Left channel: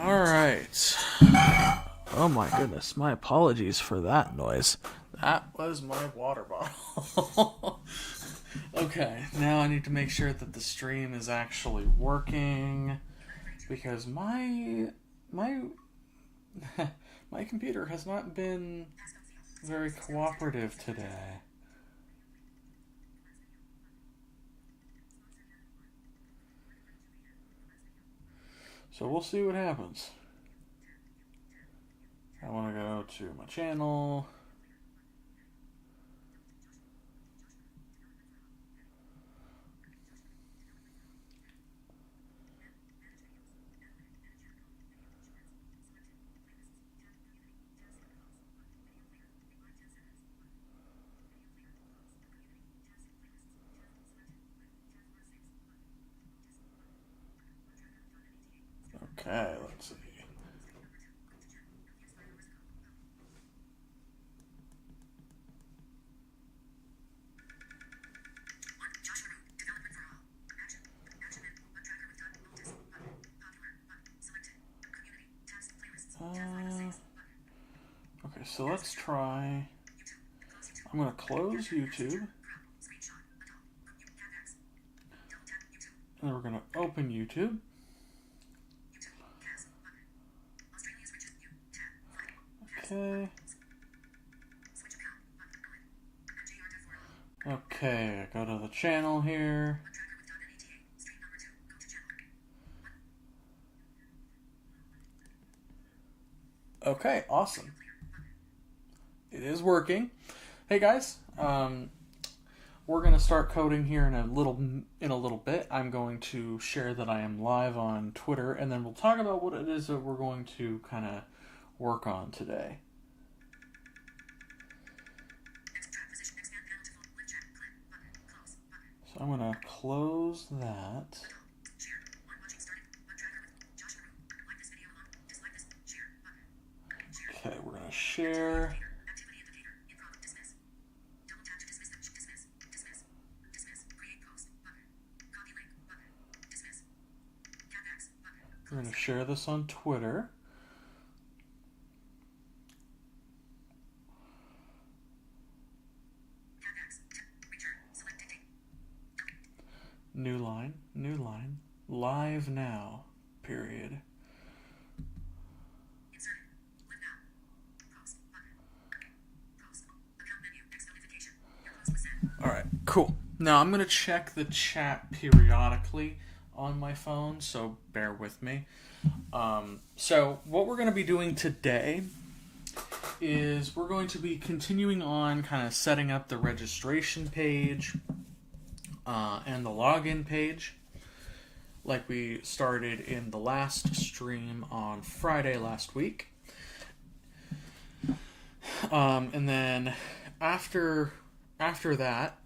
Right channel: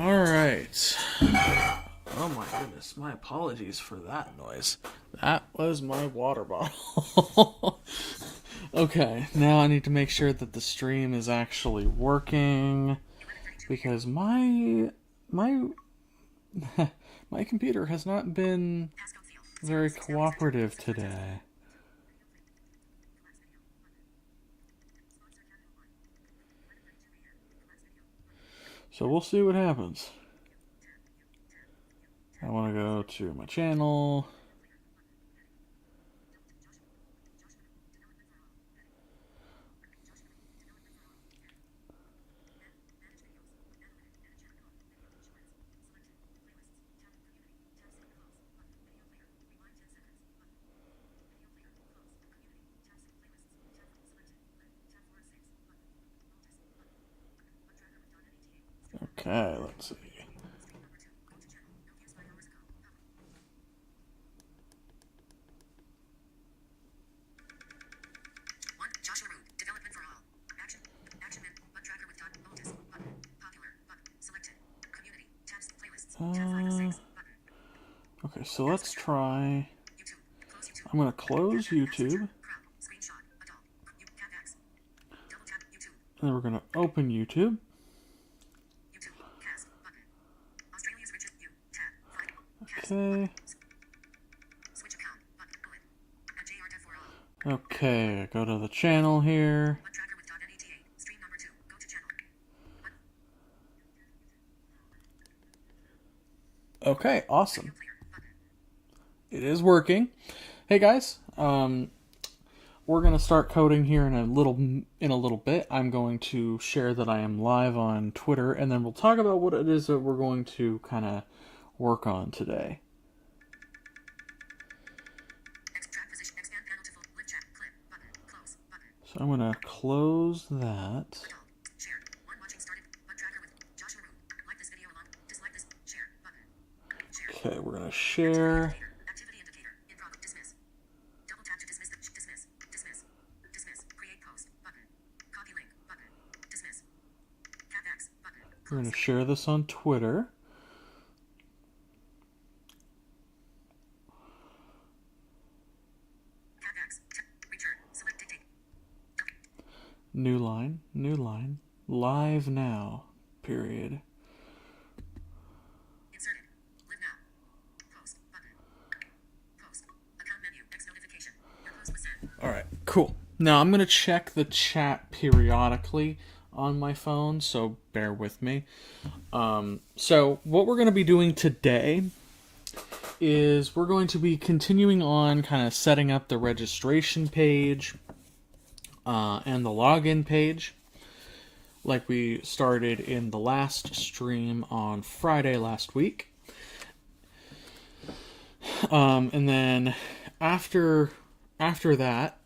All right. Oh my goodness. My apologies for that noise. That was my water bottle. Okay, now I need to make sure that the stream is actually working because my my computer has not been very cooperative today. So we'll see what happens. I want to go to my channel. Okay, let's see. Okay, so let's try. I'm going to close YouTube. And then we're going to open YouTube. Okay. Okay, go to the channel here. Okay, awesome. It is working. Hey guys, we're gonna start coding here in a little bit. I'm going to share that I am live on Twitter, and then we'll talk about what it is that we're going to kind of work on today. So I'm gonna close that. Okay, we're gonna share. We're going to share this on Twitter. New line, live now, period. Alright, cool. Now I'm going to check the chat periodically on my phone, so bear with me. So what we're going to be doing today is we're going to be continuing on kind of setting up the registration page and the login page like we started in the last stream on Friday last week. And then after that,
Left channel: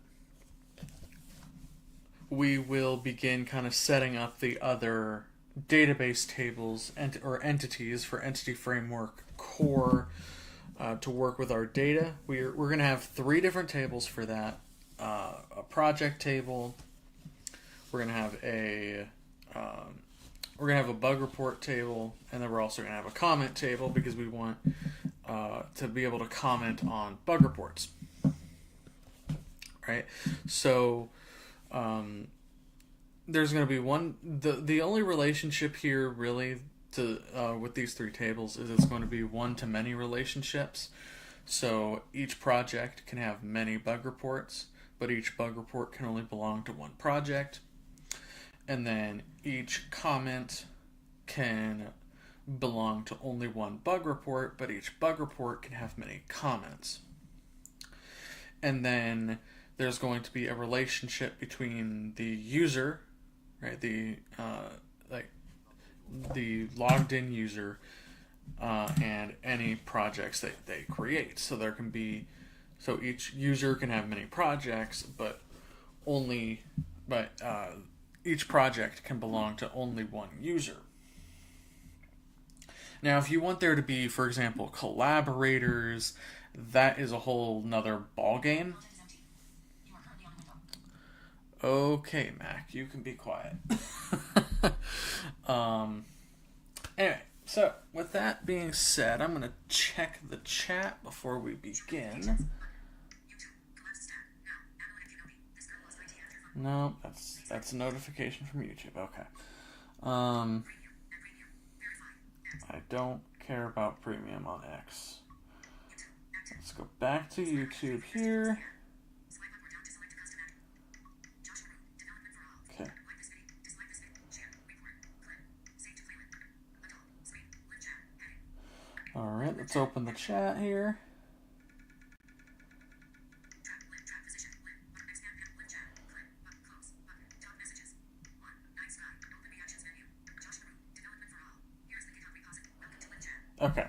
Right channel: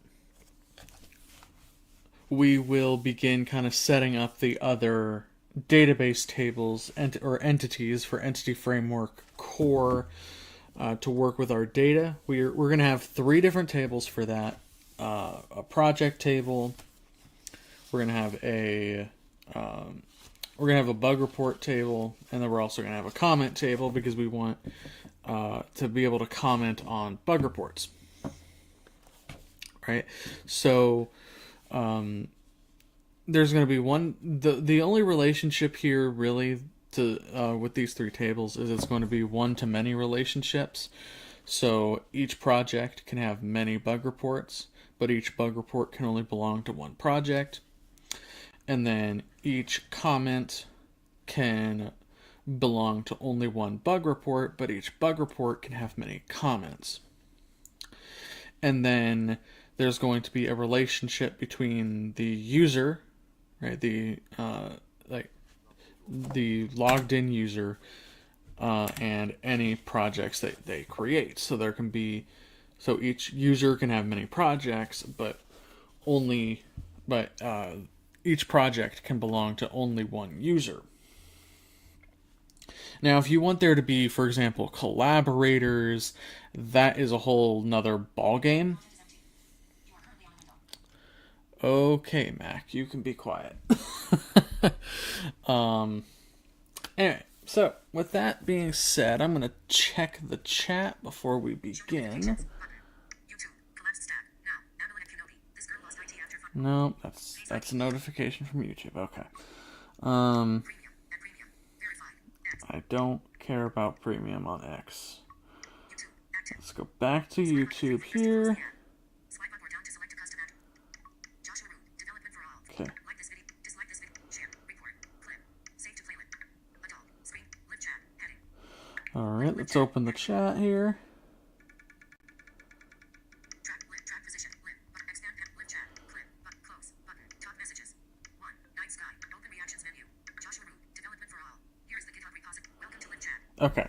we will begin kind of setting up the other database tables or entities for Entity Framework Core to work with our data. We're going to have 3 different tables for that. A project table. We're going to have a bug report table, and then we're also going to have a comment table because we want to be able to comment on bug reports. Right? So there's going to be the only relationship here really to with these 3 tables is it's going to be one-to-many relationships. So each project can have many bug reports, but each bug report can only belong to one project. And then each comment can belong to only one bug report, but each bug report can have many comments. And then there's going to be a relationship between the user, right, the logged in user, and any projects that they create. So each user can have many projects, but each project can belong to only one user. Now, if you want there to be, for example, collaborators, that is a whole nother ballgame. Okay, Mac, you can be quiet. Anyway, So, with that being said, I'm going to check the chat before we begin. No, that's a notification from YouTube. Okay. I don't care about premium on X. Let's go back to YouTube here. Okay. Alright, let's open the chat here. Okay,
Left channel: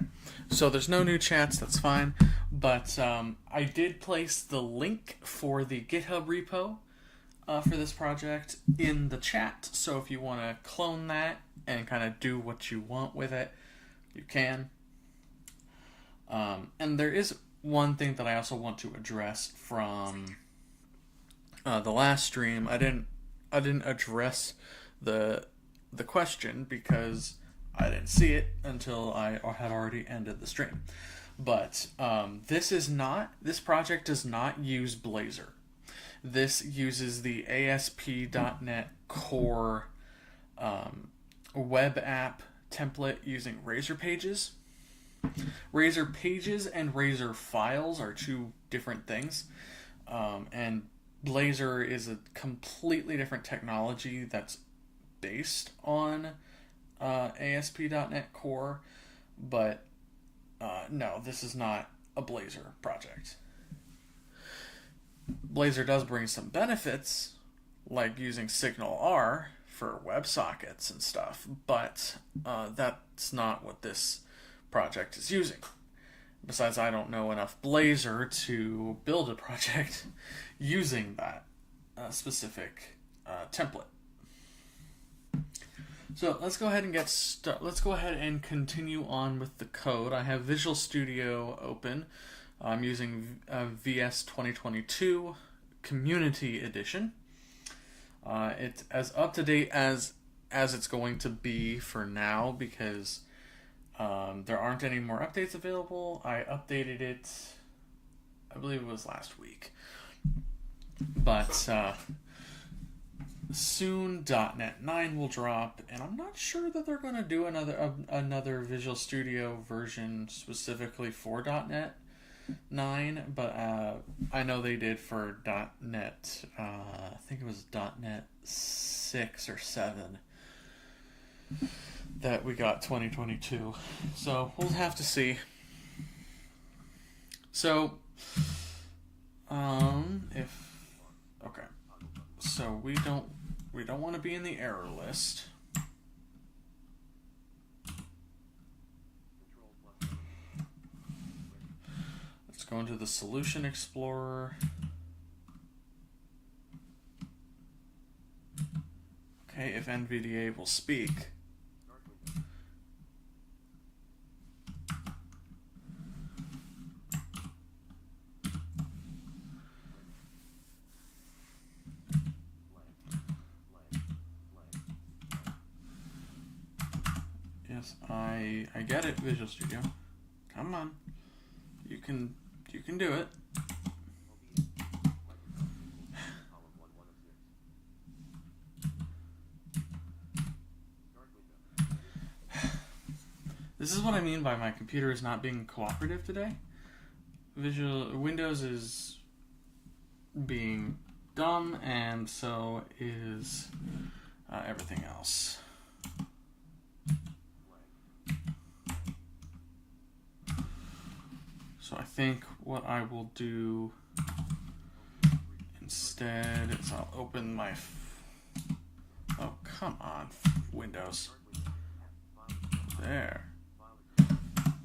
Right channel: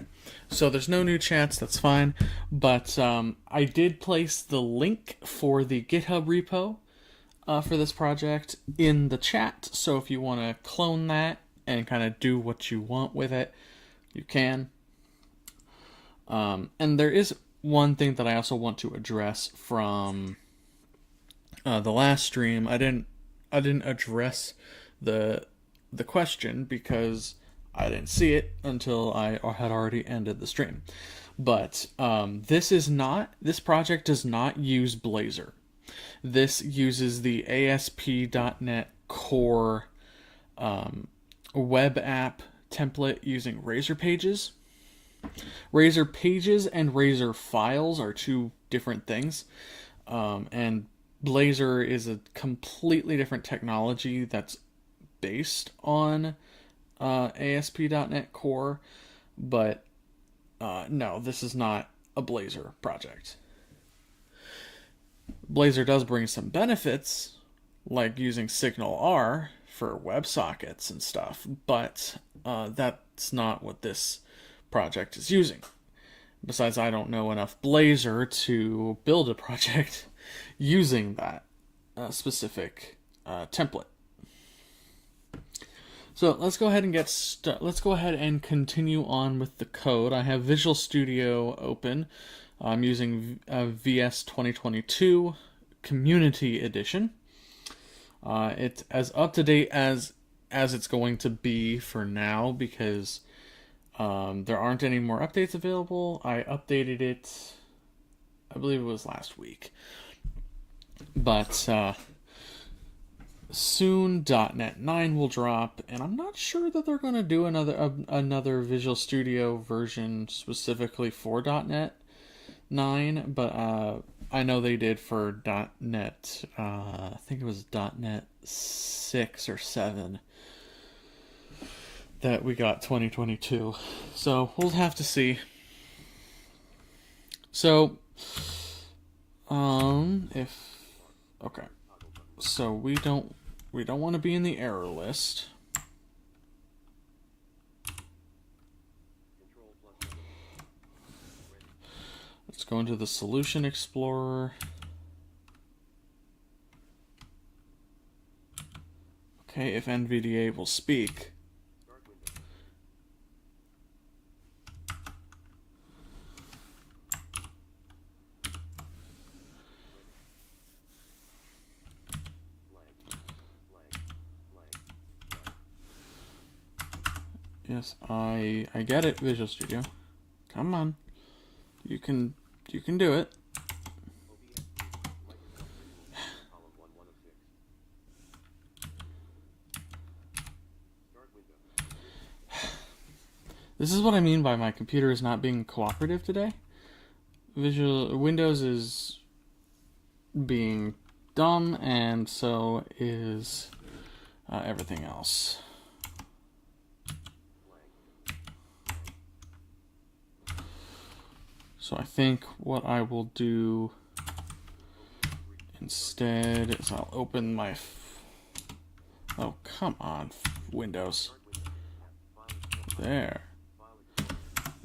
so there's no new chats, that's fine, but I did place the link for the GitHub repo for this project in the chat, so if you want to clone that and kind of do what you want with it, you can. And there is one thing that I also want to address from the last stream. I didn't address the question because I didn't see it until I had already ended the stream. But this project does not use Blazor. This uses the ASP.NET Core web app template using Razor Pages. Razor Pages and Razor Files are two different things. And Blazor is a completely different technology that's based on ASP.NET Core, but no, this is not a Blazor project. Blazor does bring some benefits, like using SignalR for WebSockets and stuff, but that's not what this project is using. Besides, I don't know enough Blazor to build a project using that specific template. So let's go ahead and let's go ahead and continue on with the code. I have Visual Studio open. I'm using VS 2022 Community Edition. It's as up to date as it's going to be for now because there aren't any more updates available. I updated it, I believe it was last week. But soon .NET 9 will drop, and I'm not sure that they're going to do another Visual Studio version specifically for .NET 9, but I know they did for .NET, I think it was .NET 6 or 7 that we got 2022. So we'll have to see. So, okay. So we don't want to be in the error list. Let's go into the Solution Explorer. Okay, if NVDA will speak. Yes, I get it, Visual Studio. Come on. You can do it. This is what I mean by my computer is not being cooperative today. Windows is being dumb, and so is everything else. So I think what I will do instead is I'll open my... Oh, come on, Windows. There.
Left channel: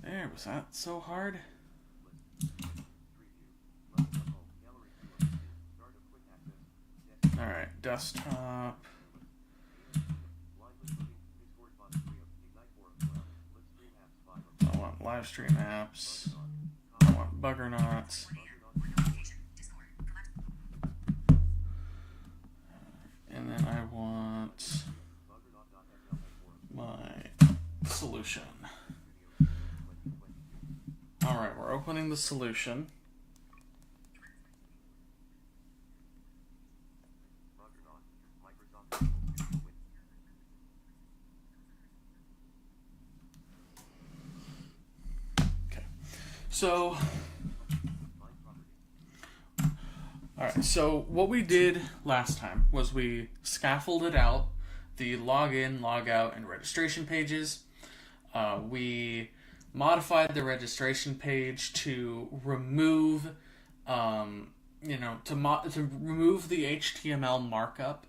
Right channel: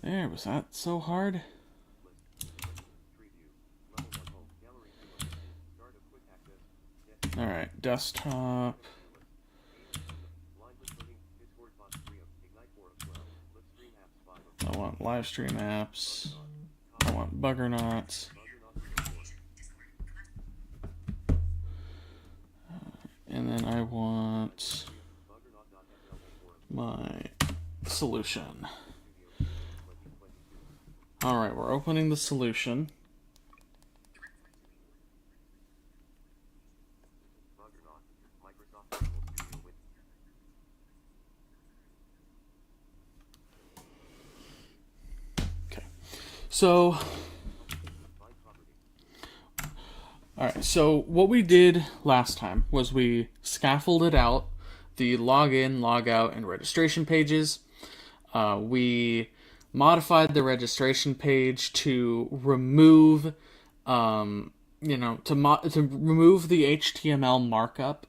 There, was that so hard? Alright, desktop. I want live stream apps. I want Buggernauts. And then I want my solution. All right, we're opening the solution. Okay, so all right, so what we did last time was we scaffolded out the login, logout, and registration pages. We modified the registration page to remove, to remove the HTML markup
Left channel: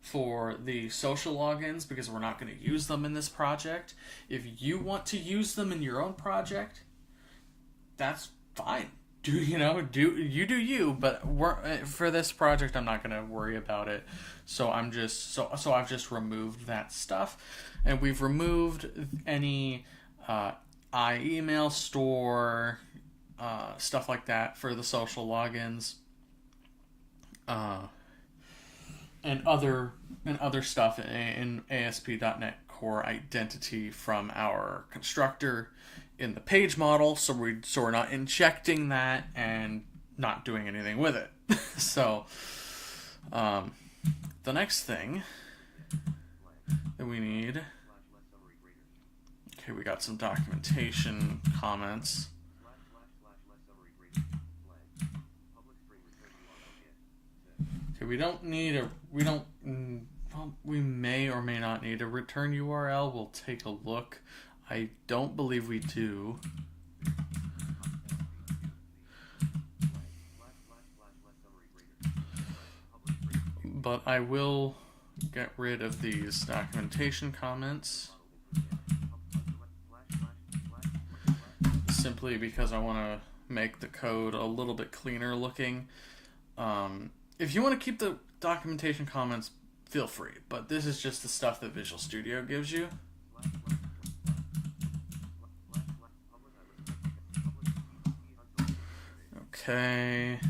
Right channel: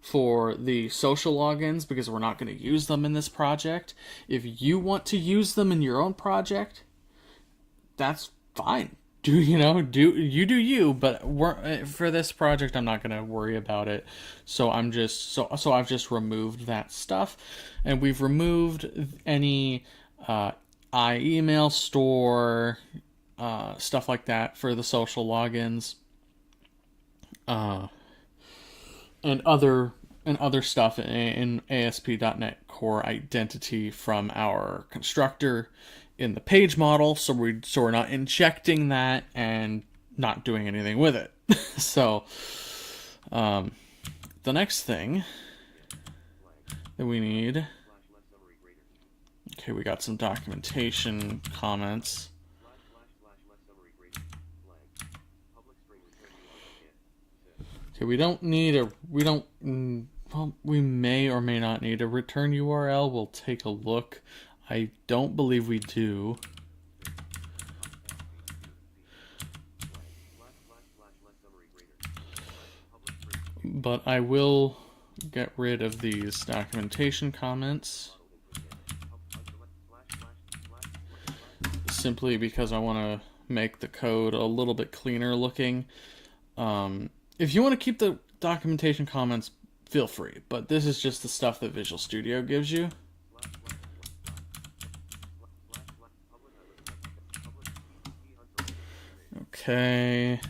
for the social logins because we're not going to use them in this project. If you want to use them in your own project, that's fine. Do you, but for this project I'm not going to worry about it. So I've just removed that stuff, and we've removed any iEmail store stuff like that for the social logins, and other stuff in ASP.NET Core Identity from our constructor in the page model, so we're not injecting that and not doing anything with it. So the next thing that we need, okay, we got some documentation comments. Okay, we may or may not need a return URL. We'll take a look. I don't believe we do. But I will get rid of these documentation comments simply because I want to make the code a little bit cleaner looking. If you want to keep the documentation comments, feel free, but this is just the stuff that Visual Studio gives you. Okay.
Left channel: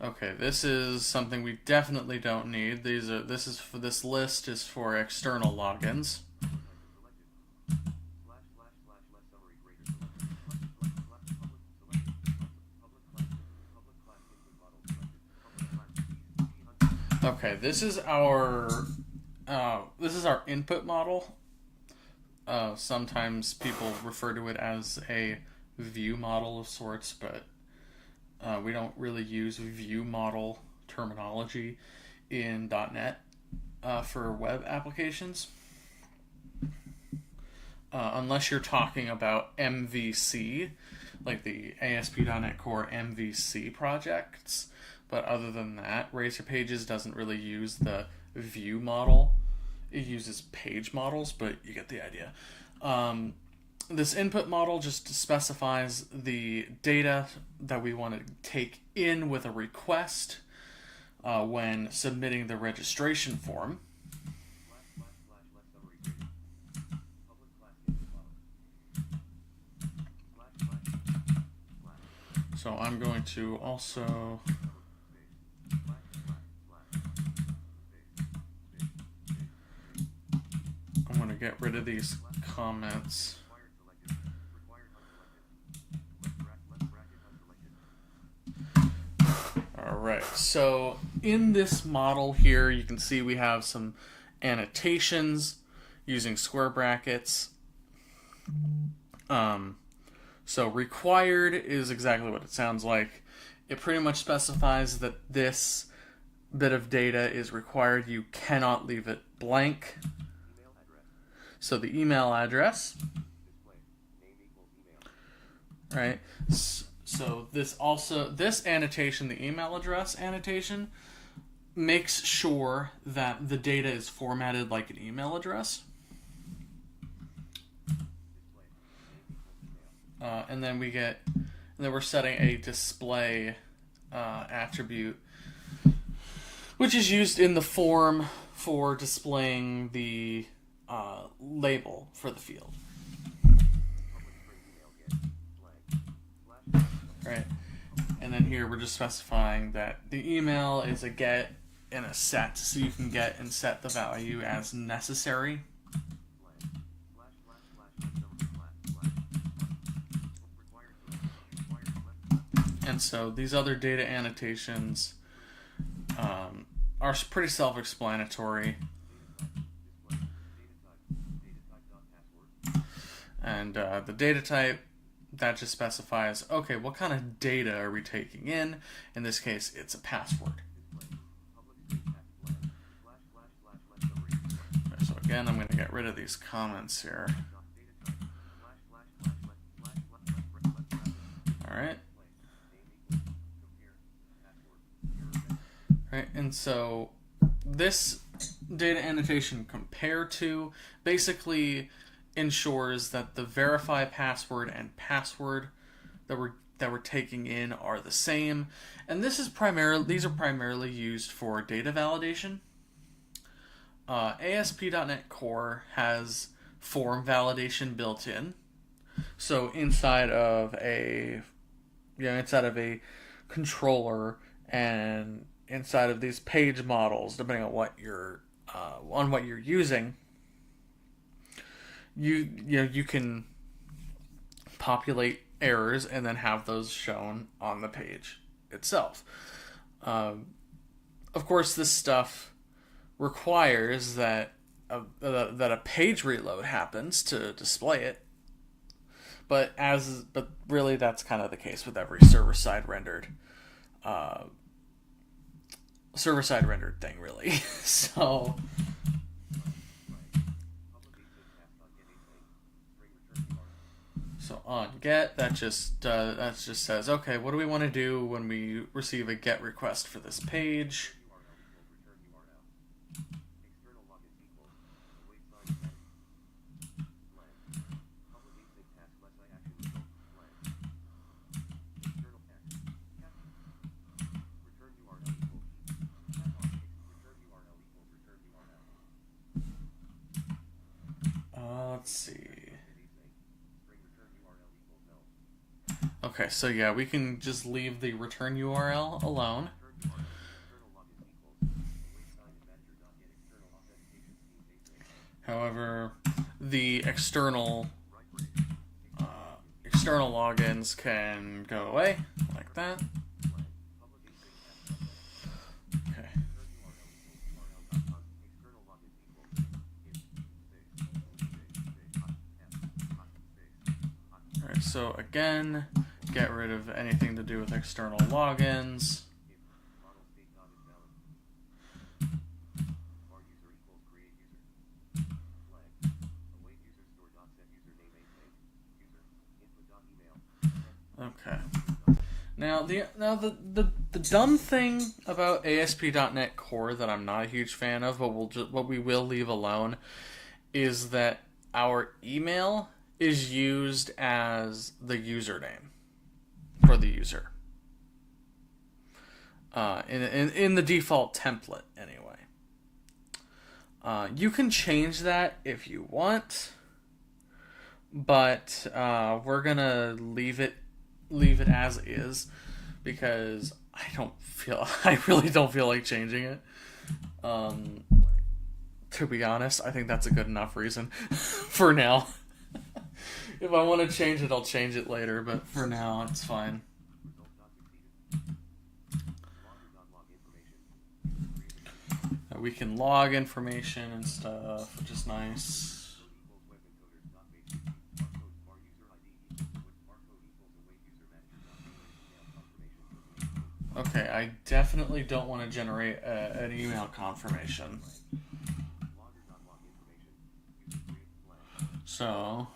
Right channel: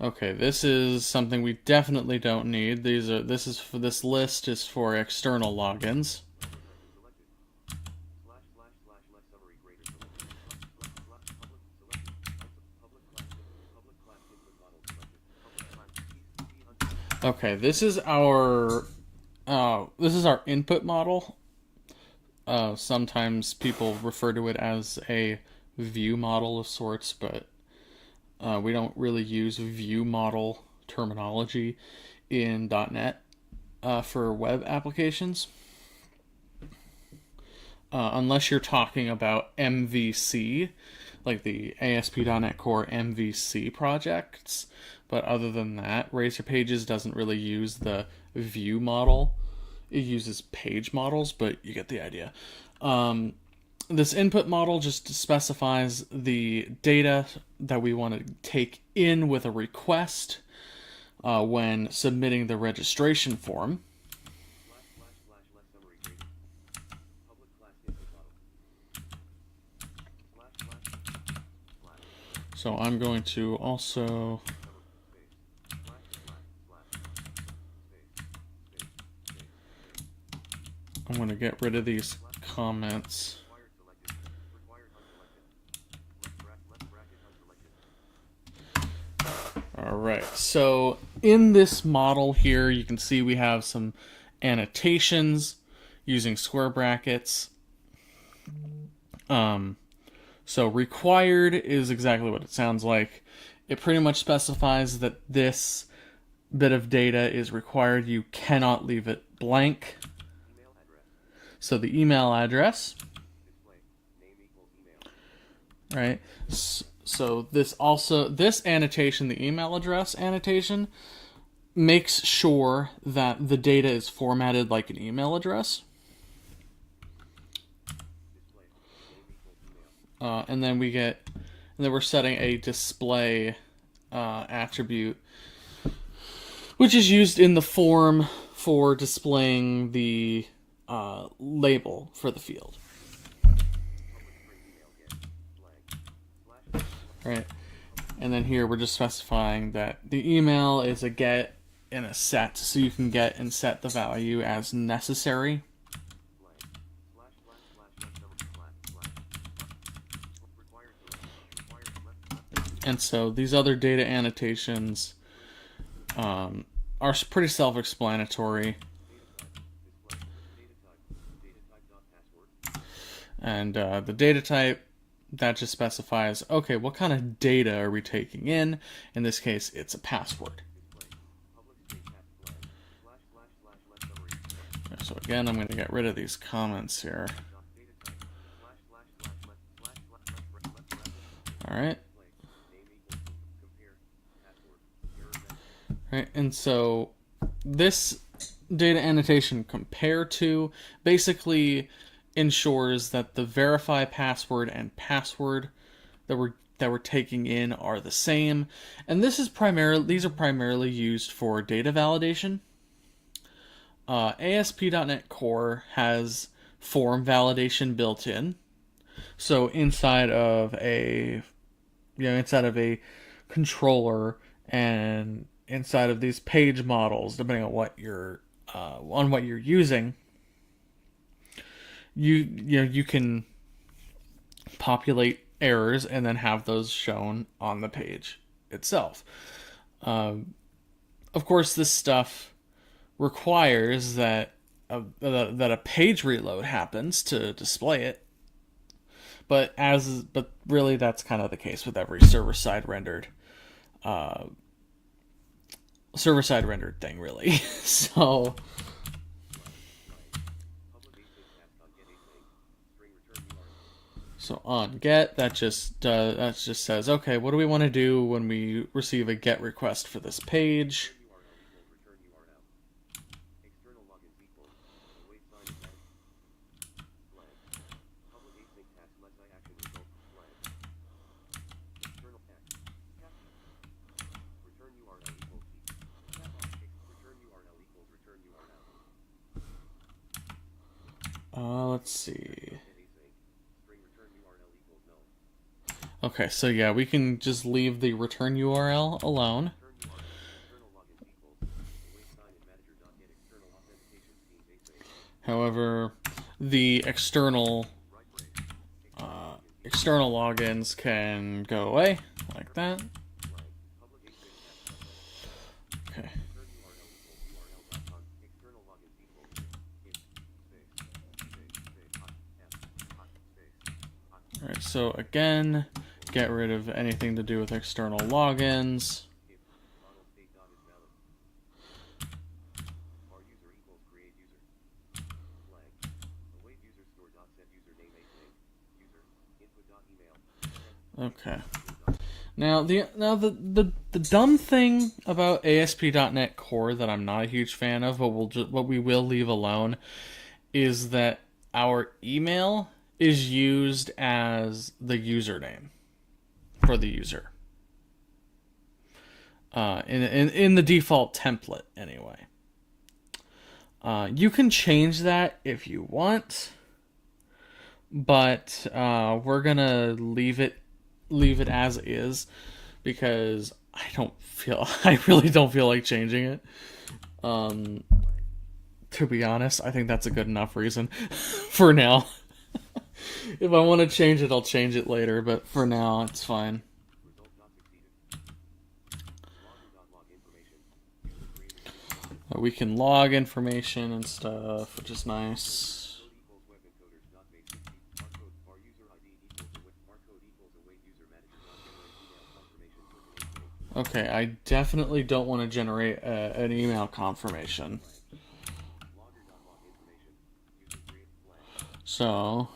Okay, this is something we definitely don't need. This list is for external logins. Okay, this is our input model. Sometimes people refer to it as a view model of sorts, but we don't really use view model terminology in .NET for web applications. Unless you're talking about MVC, like the ASP.NET Core MVC projects. But other than that, Razor Pages doesn't really use the view model. It uses page models, but you get the idea. This input model just specifies the data that we want to take in with a request when submitting the registration form. So I'm going to also I'm going to get rid of these comments. Alright, so in this model here, you can see we have some annotations using square brackets. So required is exactly what it sounds like. It pretty much specifies that this bit of data is required. You cannot leave it blank. So the email address, right? So this annotation, the email address annotation, makes sure that the data is formatted like an email address. And then we're setting a display attribute, which is used in the form for displaying the label for the field. Right, and then here we're just specifying that the email is a get in a set, so you can get and set the value as necessary. And so these other data annotations are pretty self-explanatory. And the data type, that just specifies, okay, what kind of data are we taking in? In this case, it's a password. So again, I'm going to get rid of these comments here. All right. Right, and so this data annotation compare to basically ensures that the verify password and password that we're taking in are the same, and these are primarily used for data validation. ASP.NET Core has form validation built in, so inside of a controller and inside of these page models, depending on what you're using, you can populate errors and then have those shown on the page itself. Of course, this stuff requires that a page reload happens to display it. But really, that's kind of the case with every server-side rendered thing, really. So on get, that just says, okay, what do we want to do when we receive a get request for this page? Let's see. Okay, so yeah, we can just leave the return URL alone. However, the external logins can go away like that. Okay. All right. So again, get rid of anything to do with external logins. Okay. Now the dumb thing about ASP.NET Core that I'm not a huge fan of, but what we will leave alone, is that our email is used as the username for the user. In the default template, anyway. You can change that if you want, but we're gonna leave it as is because I really don't feel like changing it. To be honest, I think that's a good enough reason for now. If I want to change it, I'll change it later, but for now, it's fine. We can log information and stuff, which is nice. Okay, I definitely don't want to generate an email confirmation. So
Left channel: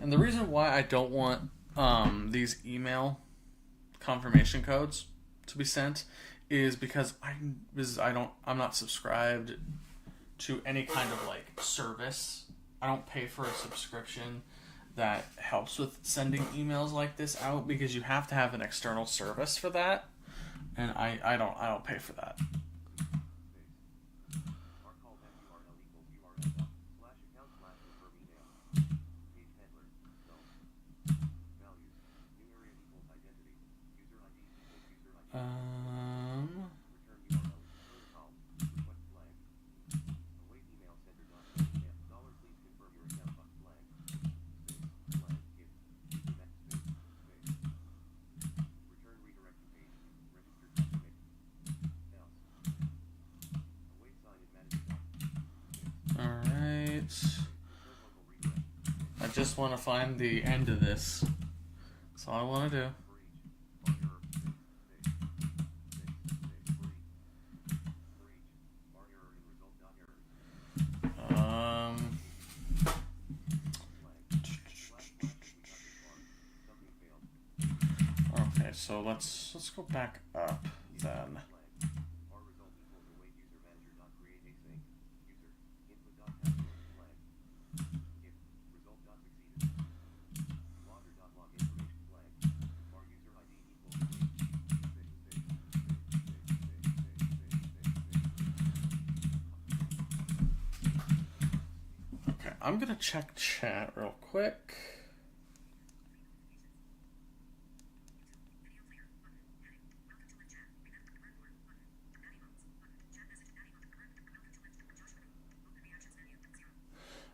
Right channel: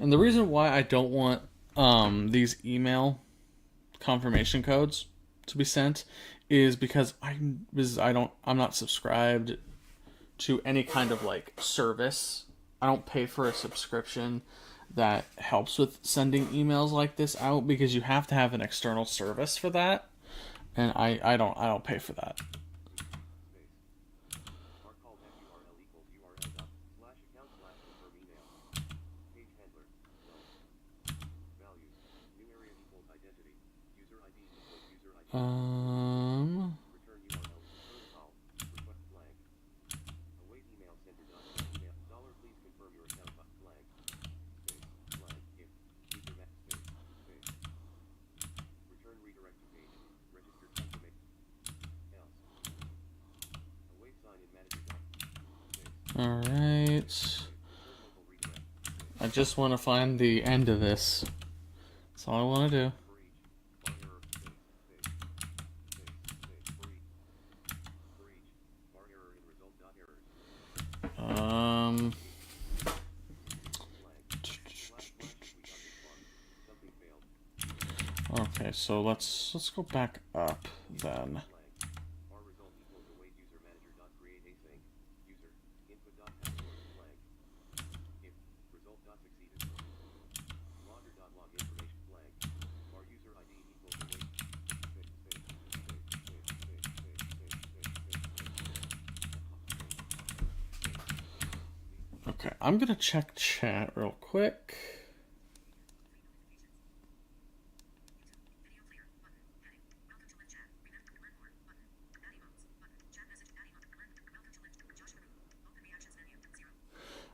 and the reason why I don't want these email confirmation codes to be sent is because I'm not subscribed to any kind of like service. I don't pay for a subscription that helps with sending emails like this out because you have to have an external service for that, and I don't pay for that. Um. All right. I just want to find the end of this. That's all I want to do. Okay, so let's go back up then. Okay, I'm gonna check chat real quick.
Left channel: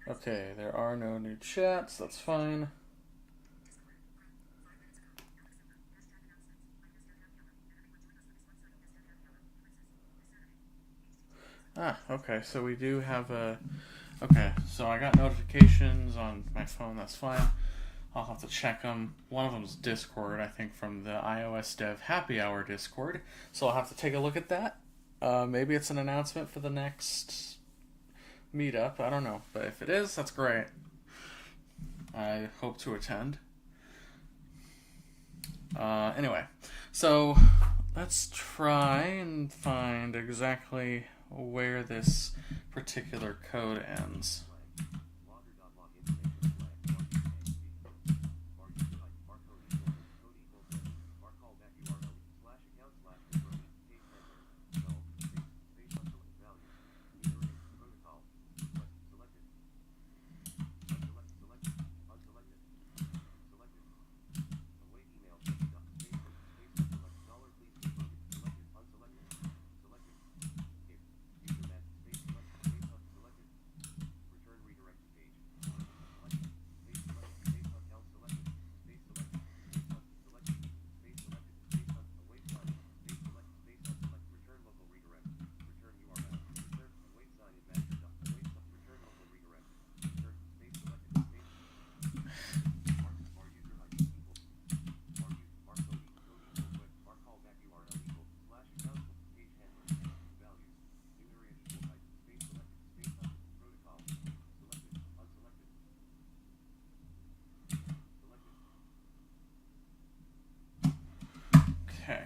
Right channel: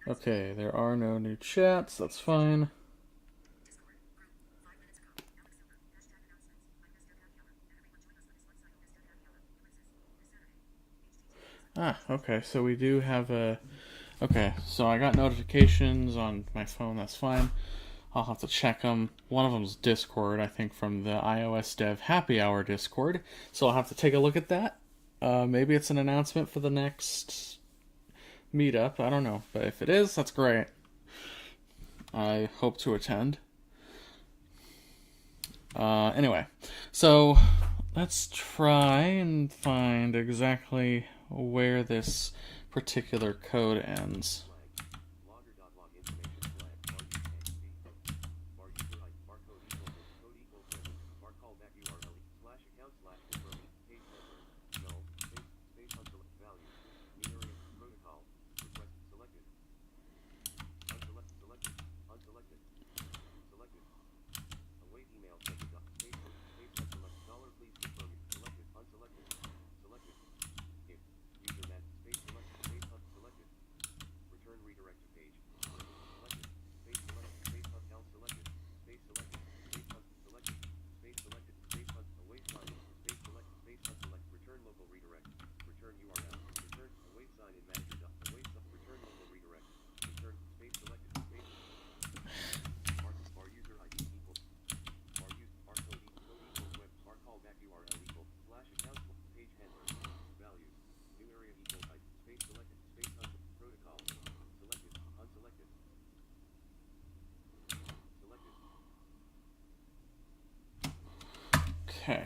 Okay, there are no new chats, that's fine. Okay, so we do have a... Okay, so I got notifications on my phone, that's fine. I'll have to check them. One of them's Discord, I think from the iOS Dev Happy Hour Discord, so I'll have to take a look at that. Maybe it's an announcement for the next meetup, I don't know. But if it is, that's great. I hope to attend. Anyway, so let's try and find exactly where this particular code ends. Okay.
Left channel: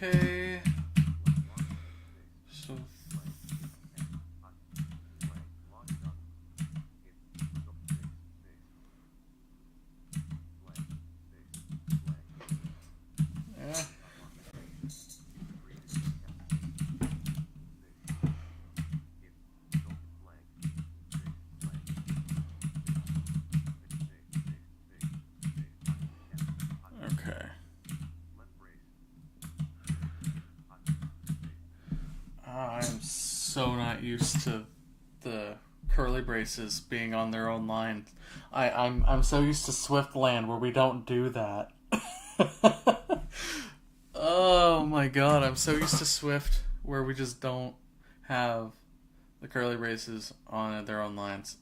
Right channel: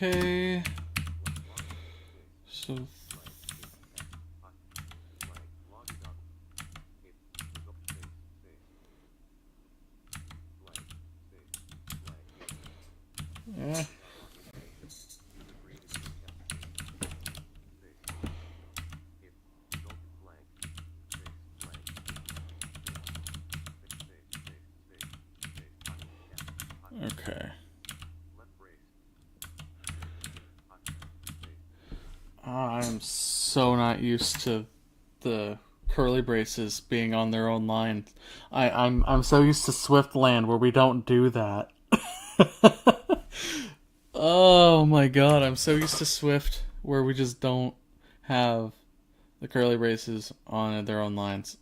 Okay. So yeah. Okay. I'm so not used to the curly braces being on their own line. I'm so used to Swiftland where we don't do that. Oh my god, I'm so used to Swift where we just don't have the curly braces on their own lines.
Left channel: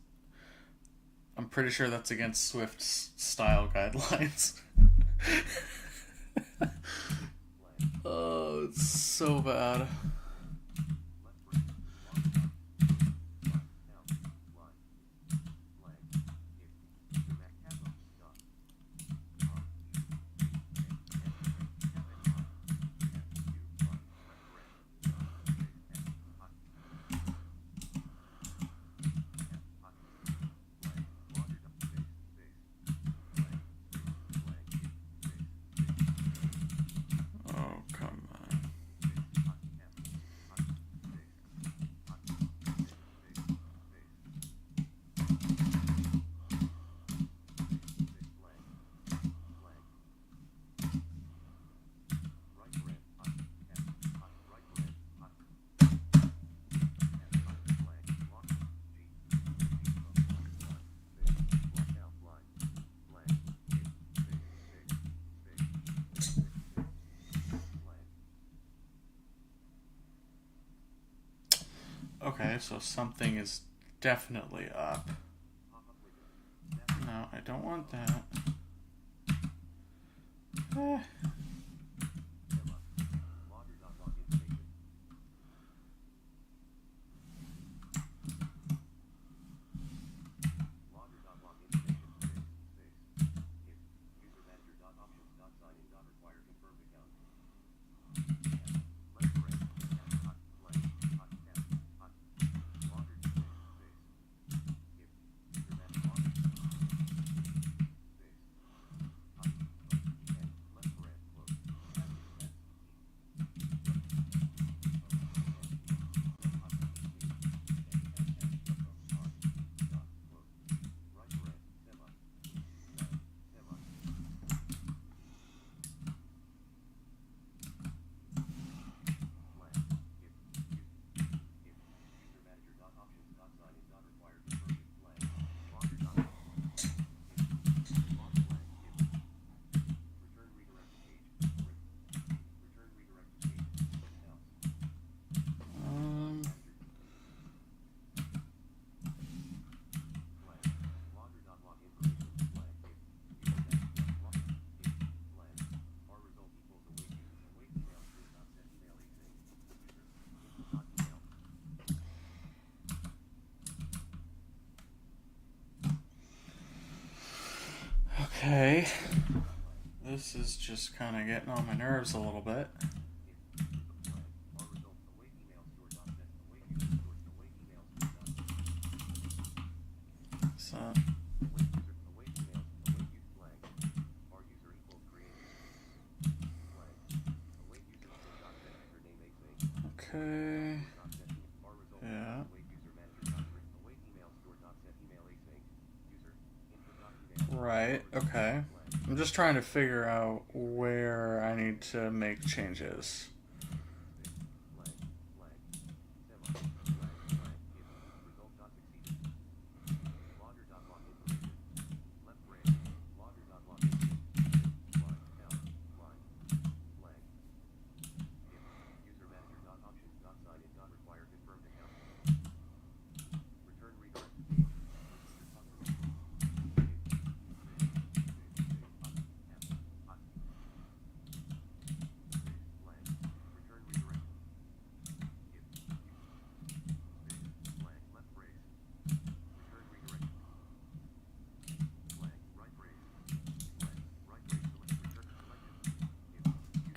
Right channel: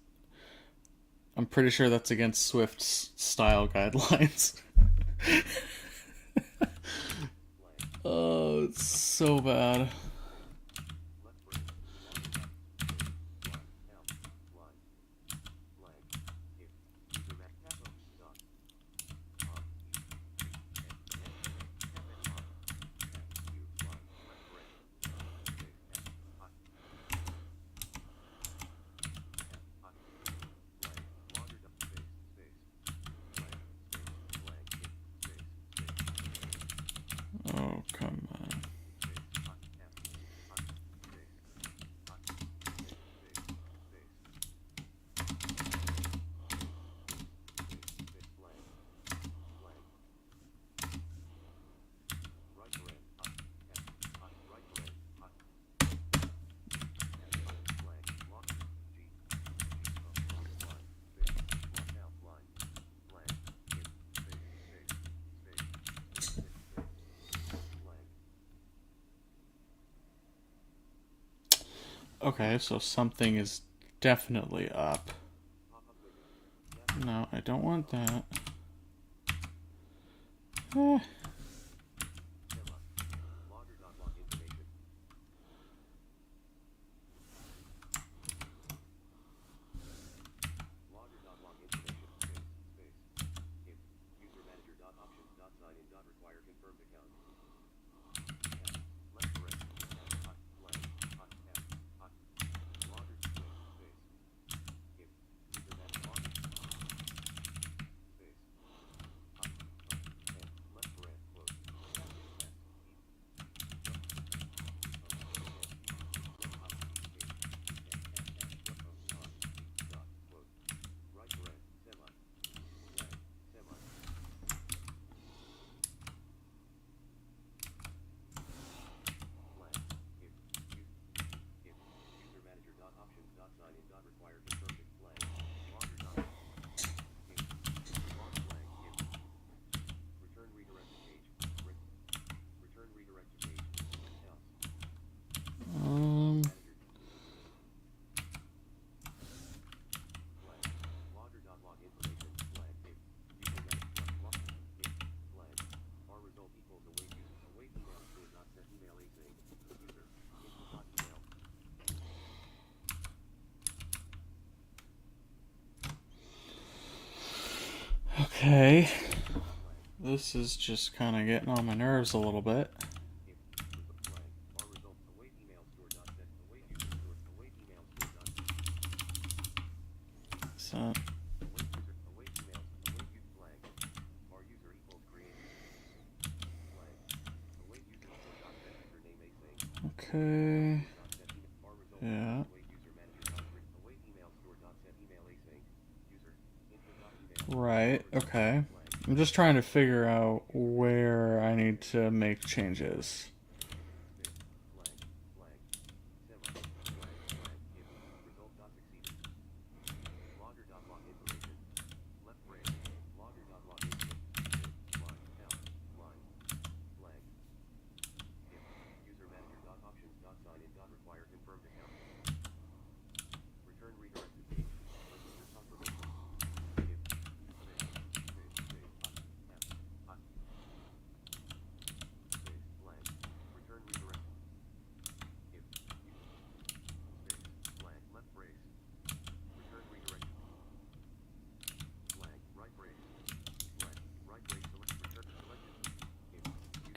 I'm pretty sure that's against Swift's style guidelines. Oh, it's so bad. Okay, so something is definitely up. No, I don't want that. Eh. Um, okay. This is just kind of getting on my nerves a little bit. So, okay. Yeah. Right, okay. I'm just trying to figure out where I need to make changes.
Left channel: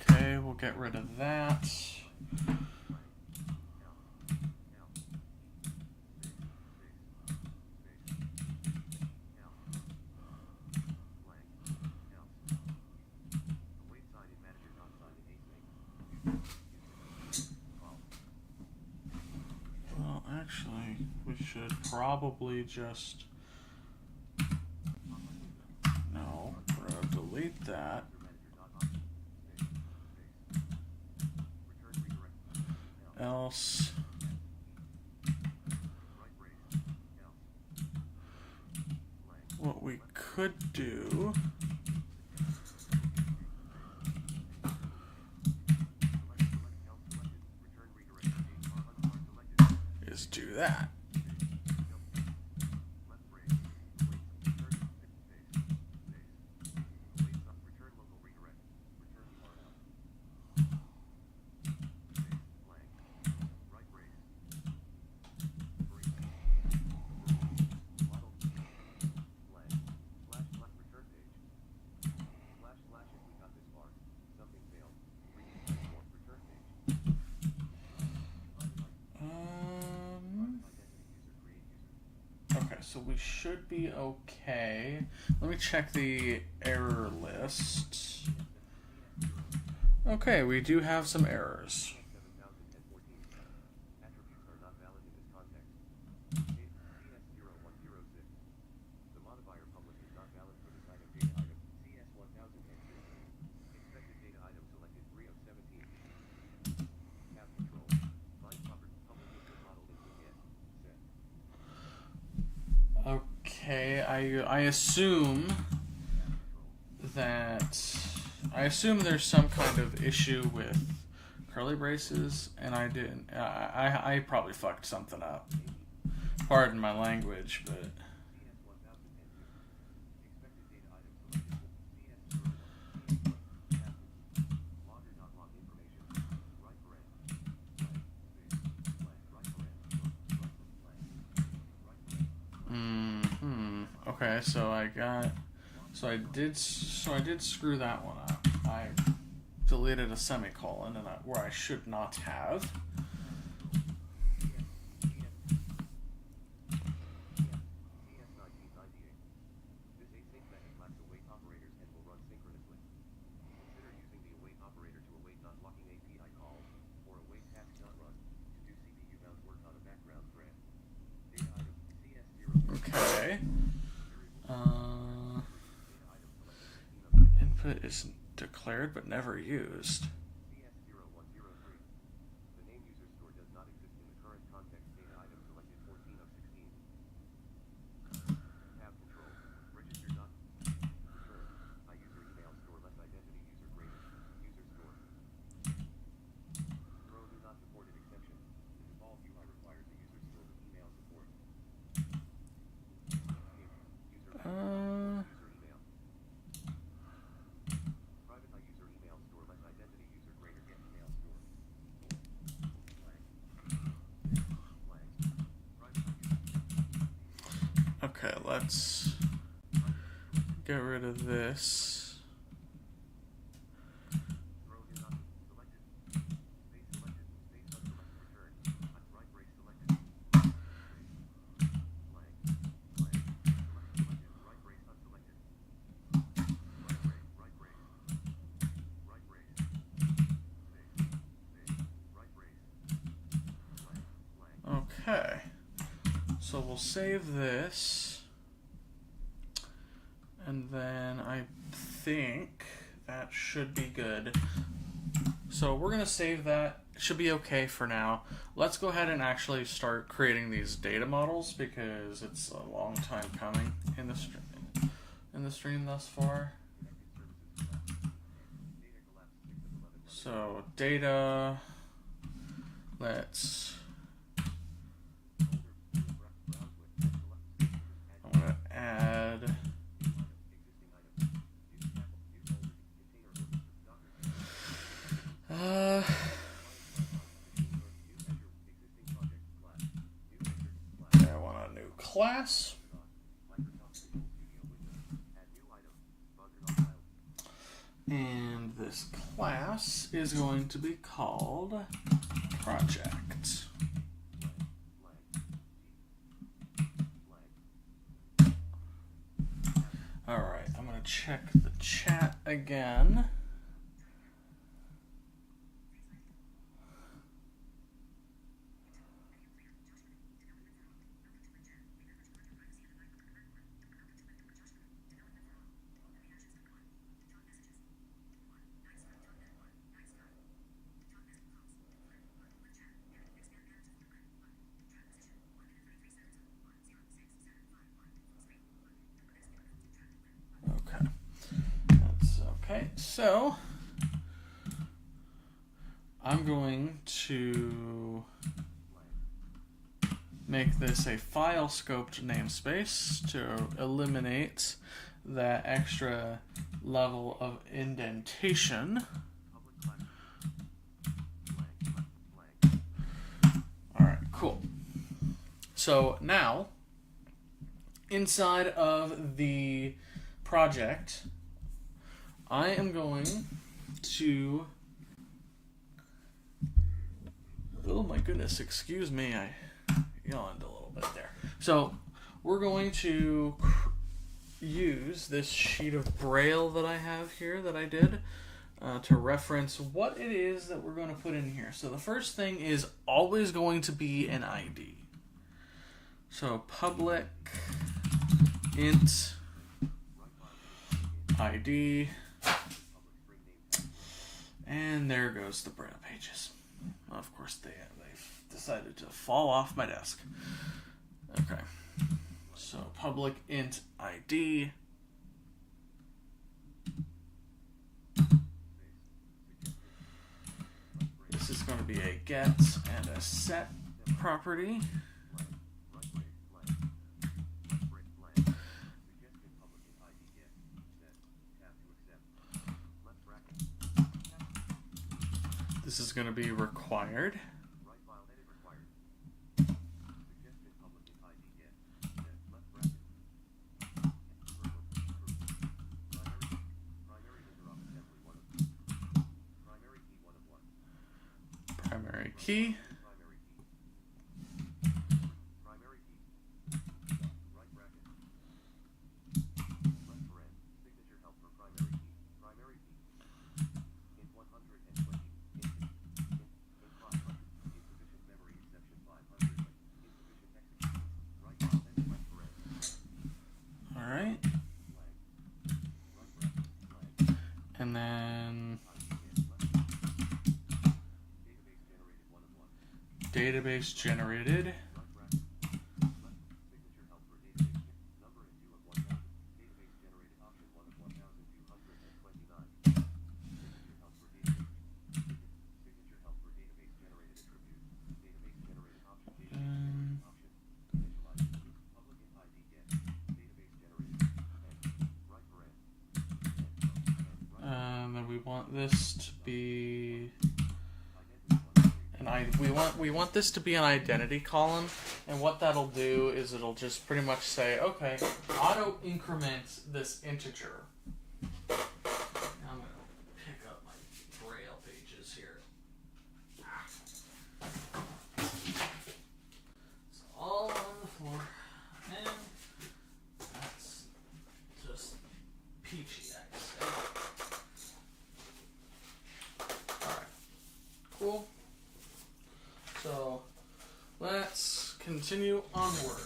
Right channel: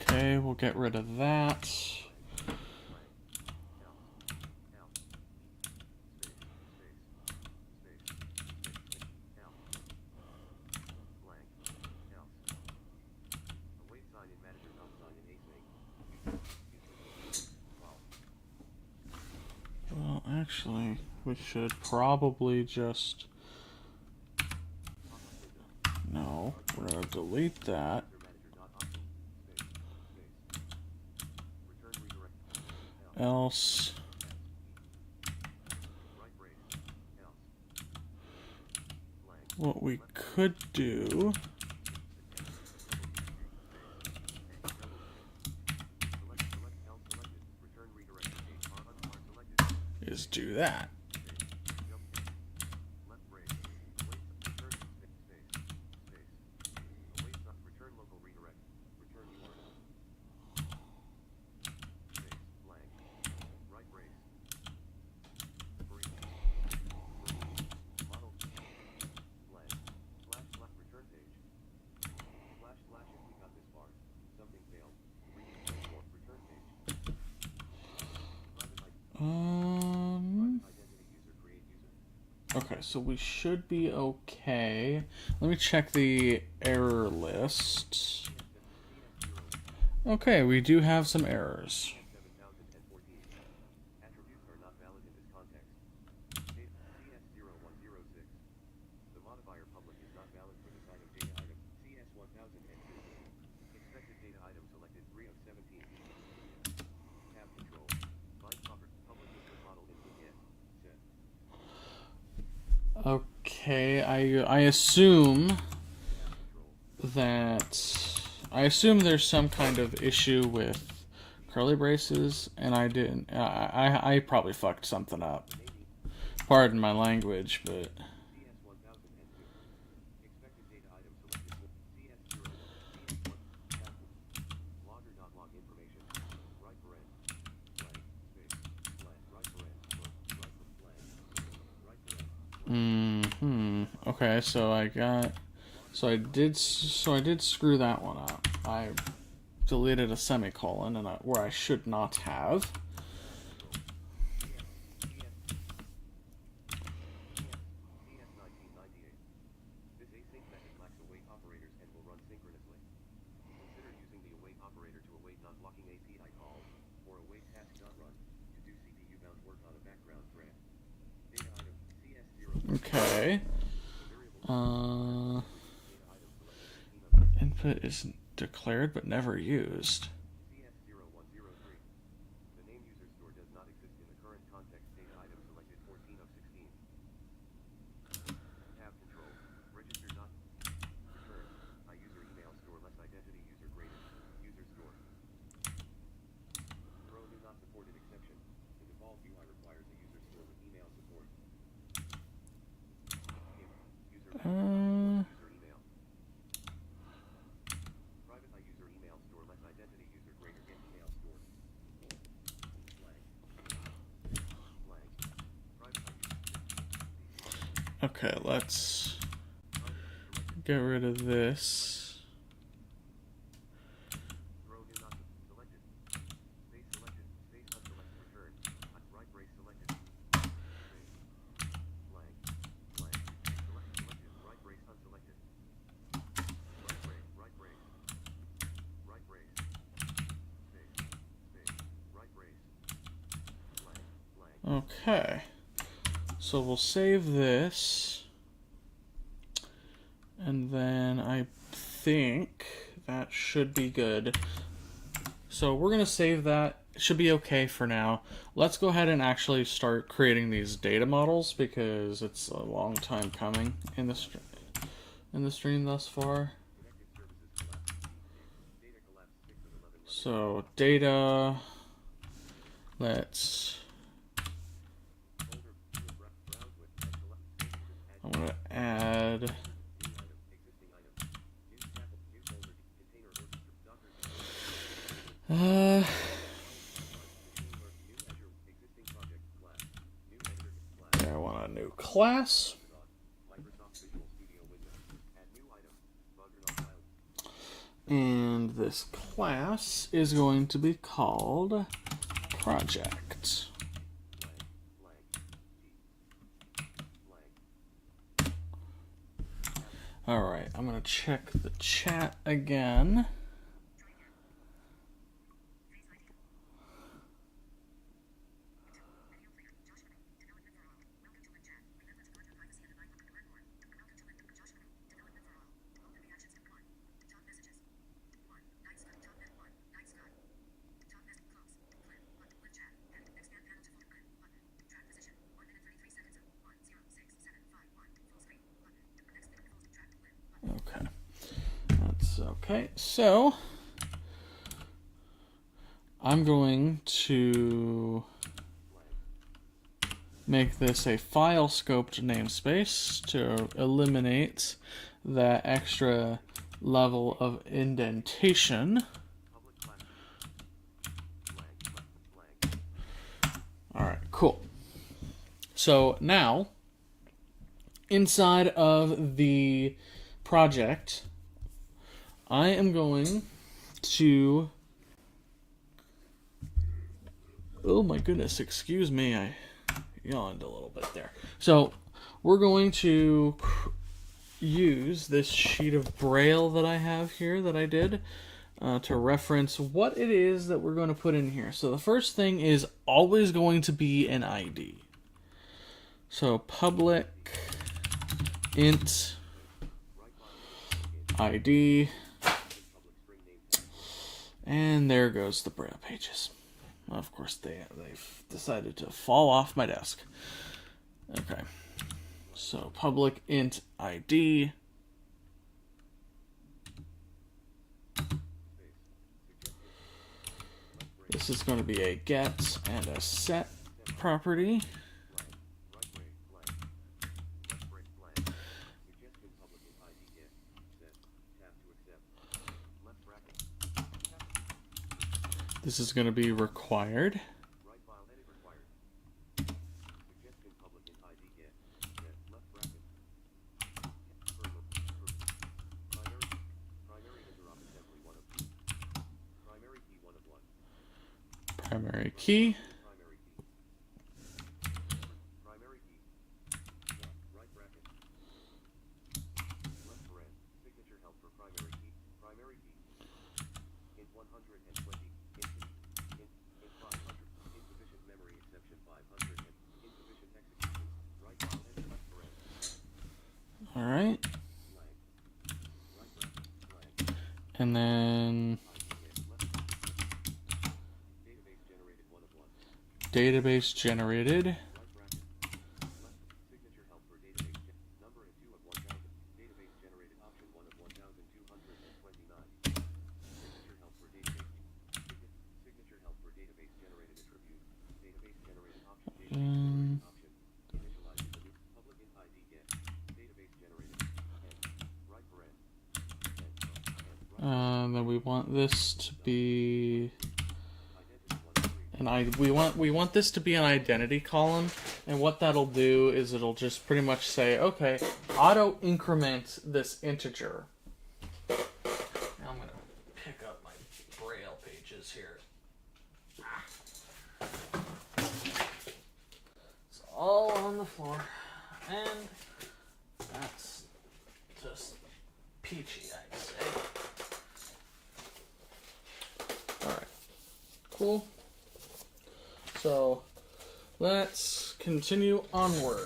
Okay, we'll get rid of that. Well, actually, we should probably just... No, we're gonna delete that. Else... What we could do... is do that. Okay, so we should be okay. Let me check the error list. Okay, we do have some errors. Okay, I assume that... I assume there's some kind of issue with curly braces, and I didn't. I probably fucked something up. Pardon my language, but. Okay, so I did screw that one up. I deleted a semicolon where I should not have. Okay. Input is declared but never used. Okay, let's get rid of this. Okay, so we'll save this, and then I think that should be good. So we're gonna save that. It should be okay for now. Let's go ahead and actually start creating these data models, because it's a long time coming in the stream thus far. So data, I'm gonna add I want a new class. And this class is going to be called project. Alright, I'm going to check the chat again. Okay, so I'm going to make this a file scoped namespace to eliminate that extra level of indentation. Alright, cool. So now, inside of the project, I am going to... Oh my goodness, excuse me, I yawned a little bit there. So, we're going to use this sheet of Braille that I have here that I did to reference what it is that we're going to put in here. So the first thing is always going to be an ID. So public int ID, and there goes the Braille pages. Of course, they've decided to fall off my desk. Okay, so public int ID. This is going to be a get and a set property. This is going to be required. Primary key. All right. And then database generated. Then we want this to be we want this to be an identity column, and what that'll do is it'll just pretty much say, okay, auto increment this integer. Now I'm gonna pick up my Braille pages here. It's all on the floor, and that's just peachy, I'd say. Alright, cool. So let's continue onward.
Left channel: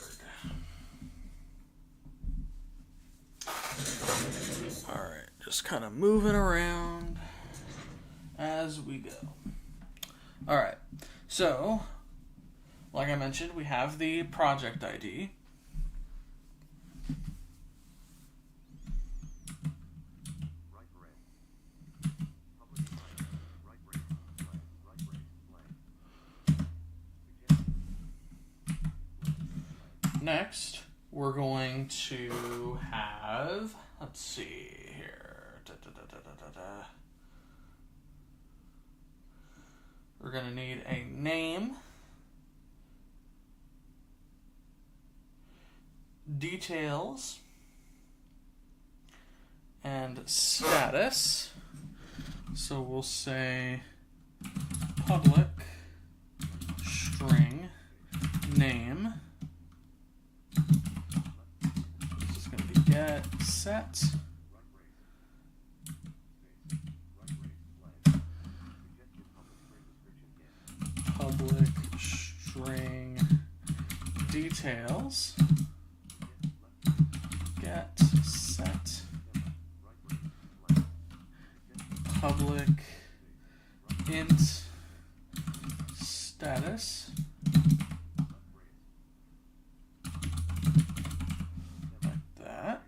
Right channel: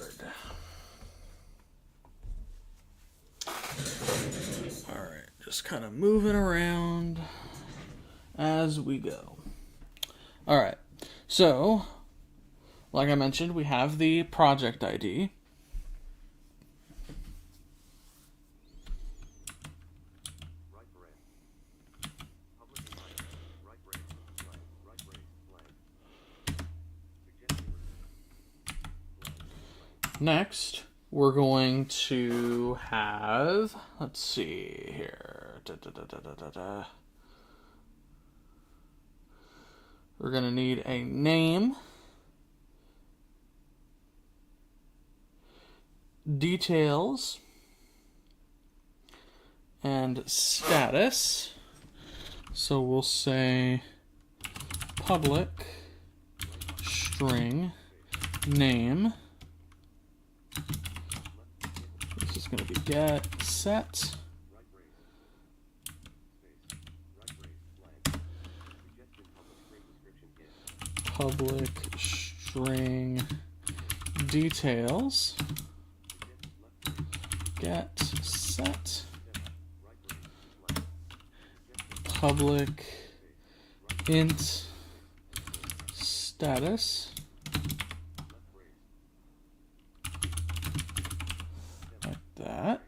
Alright, just kind of moving around as we go. Alright, so like I mentioned, we have the project ID. Next, we're going to have, let's see here. We're going to need a name, details, and status. So we'll say public string name. This is going to be get set. Public string details. Get set. Public int status. Like that.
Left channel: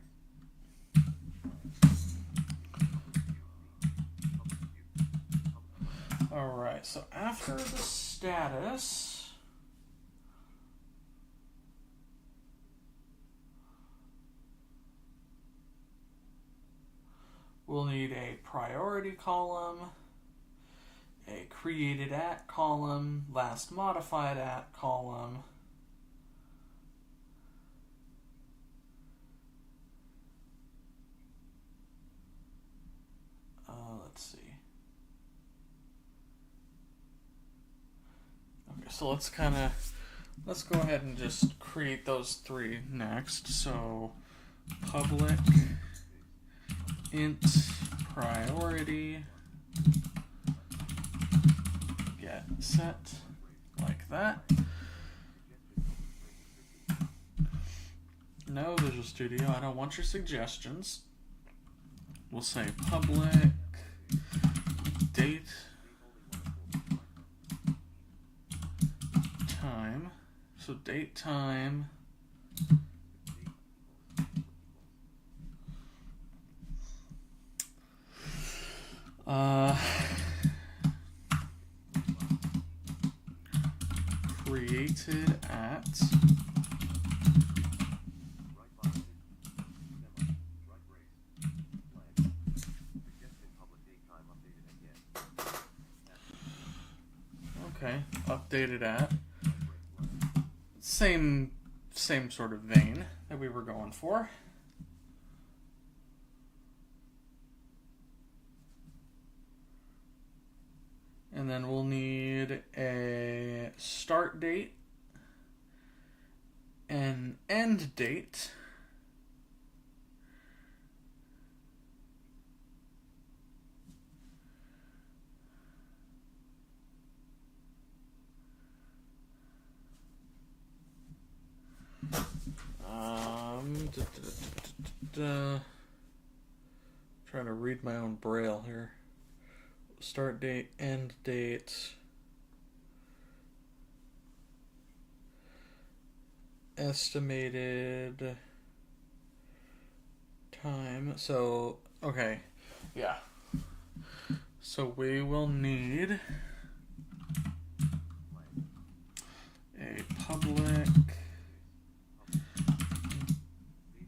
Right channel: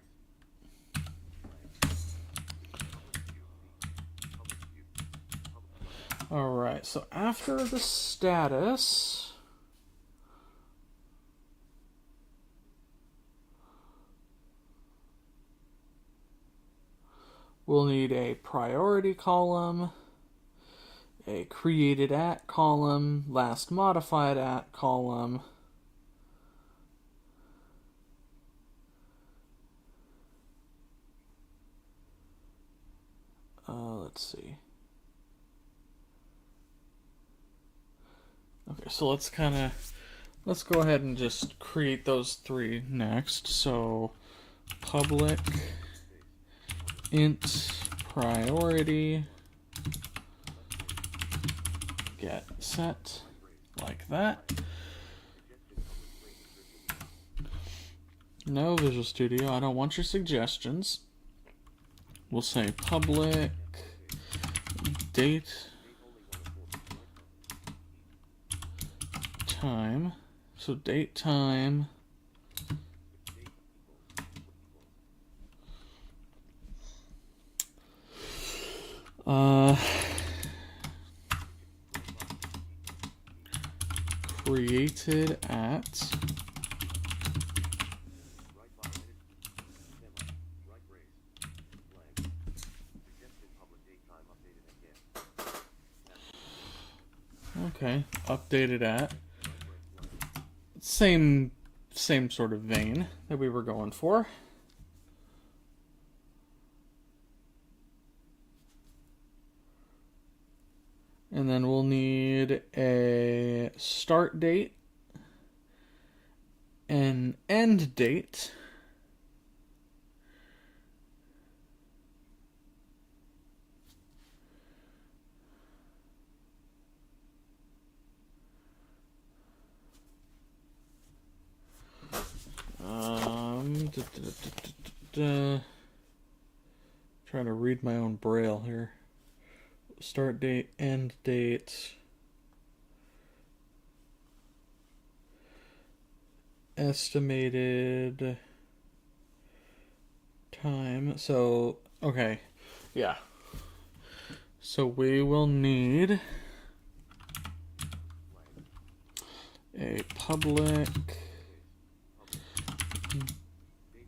All right, so after the status, we'll need a priority column, a created at column, last modified at column, let's see. Okay, so let's go ahead and just create those three next. So public int priority get set like that. No, Visual Studio, I don't want your suggestions. We'll say public date time. So date time created at okay, updated at same sort of vein that we were going for. And then we'll need a start date, an end date, trying to read my own braille here. Start date, end date, estimated time. So, okay, yeah. So we will need a public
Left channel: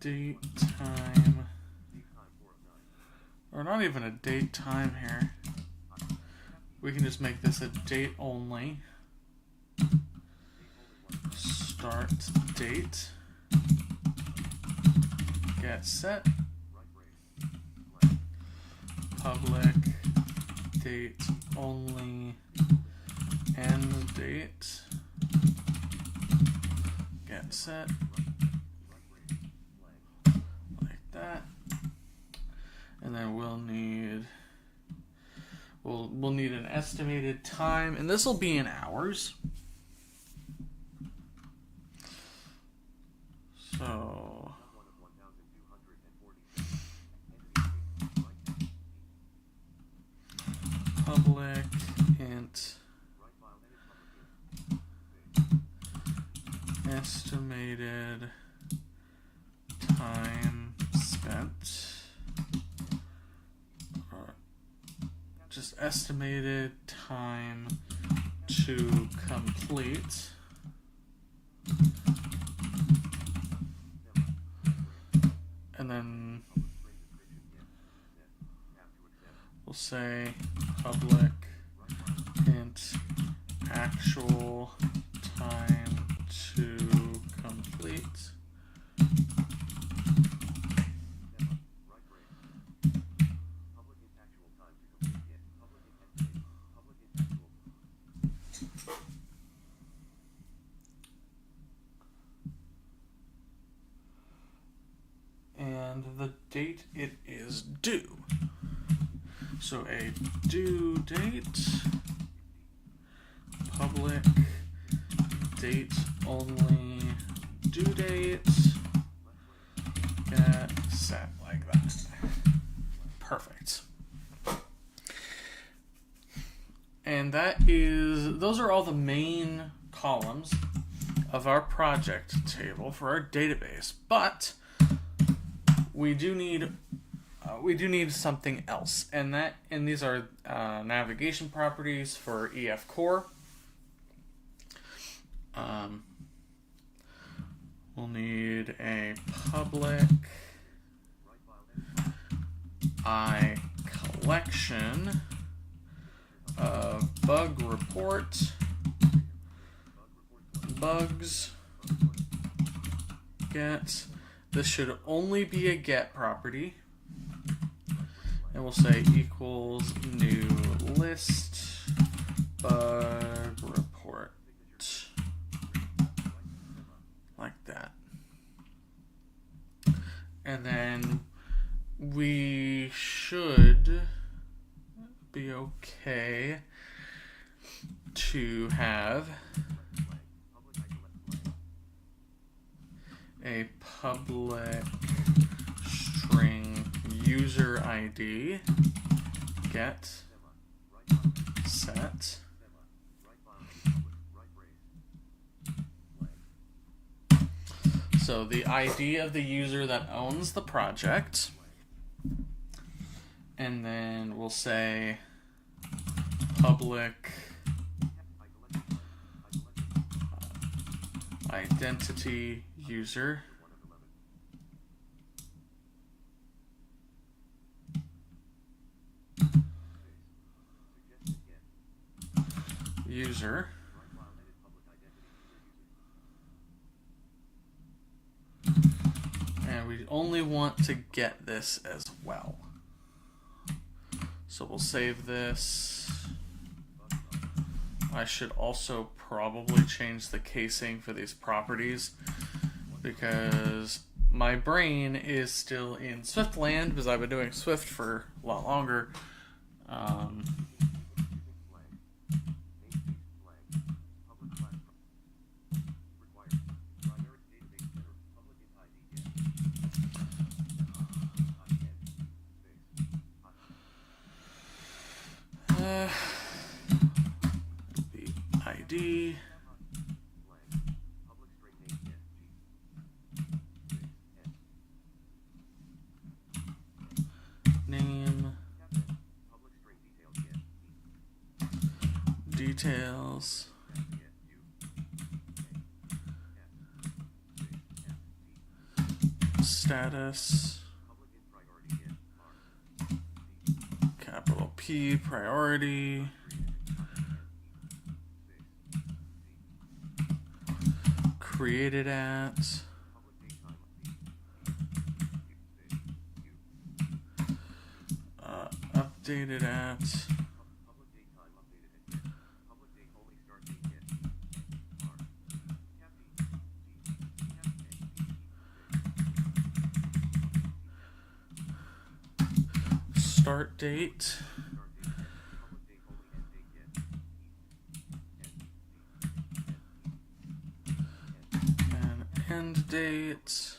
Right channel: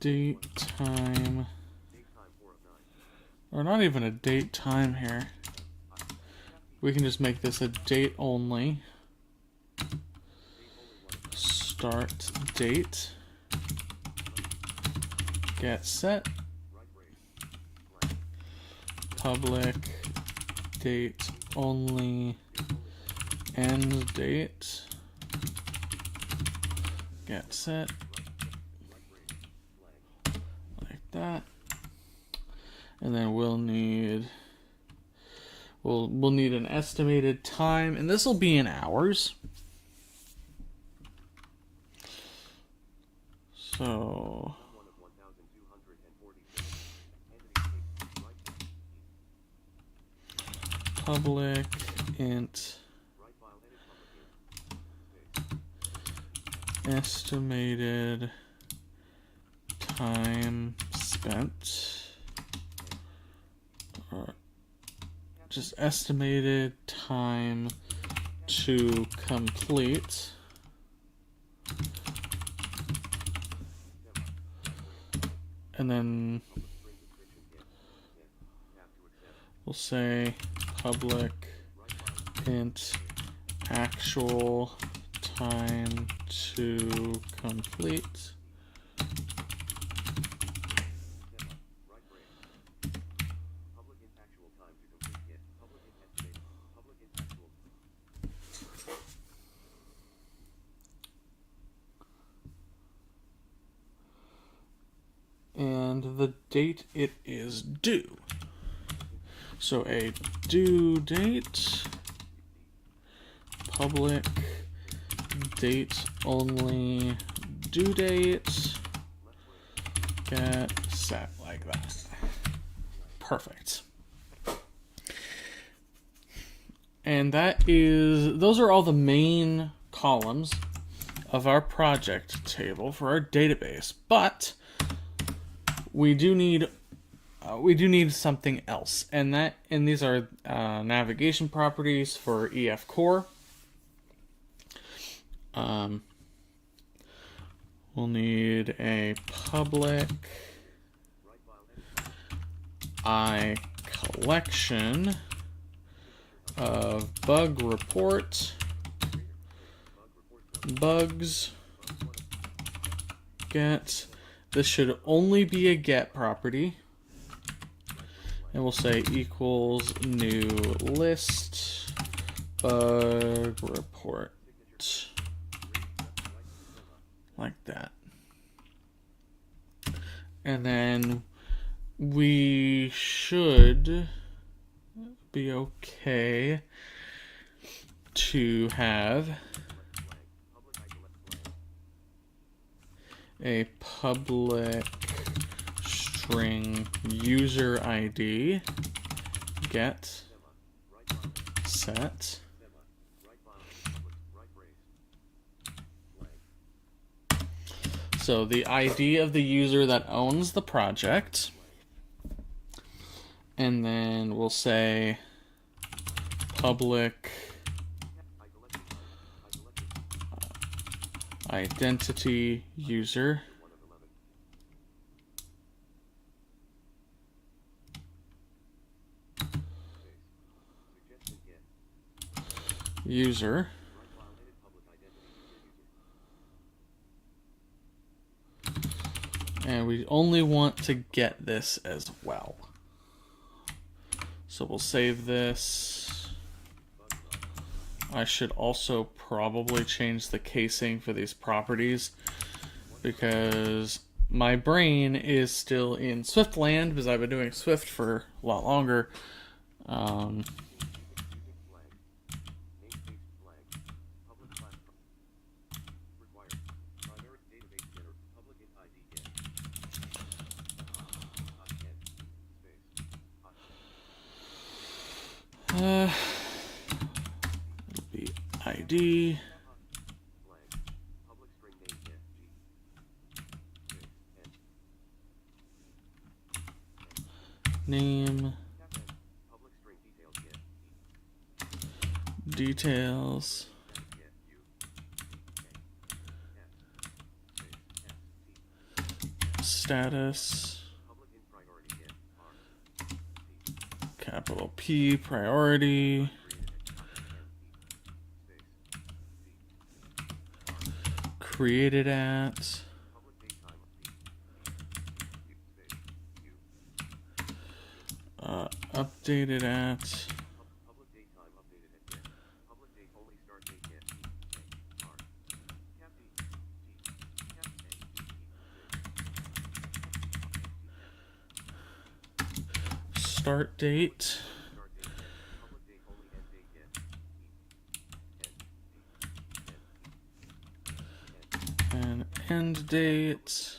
date time, or not even a date time here. We can just make this a date only. Start date. Get set. Public date only. End date. Get set. Like that. And then we'll need an estimated time, and this will be in hours. So public int estimated time spent, or just estimated time to complete. And then we'll say public int actual time to complete. And the date it is due. So a due date, public date only due date, get set like that. Perfect. And those are all the main columns of our project table for our database, but we do need something else, and these are navigation properties for EF Core. We'll need a public collection of bug report bugs get. This should only be a get property. And we'll say equals new list bug report. Like that. And then we should be okay to have a public string user ID get set so the ID of the user that owns the project, and then we'll say public identity user. User. And we only want to get this as well. So we'll save this. I should also probably change the casing for these properties because my brain is still in Swift land because I've been doing Swift for a lot longer. It'll be ID. Name. Details. Status. Capital P, priority. Created at. Updated at. Start date. And end date.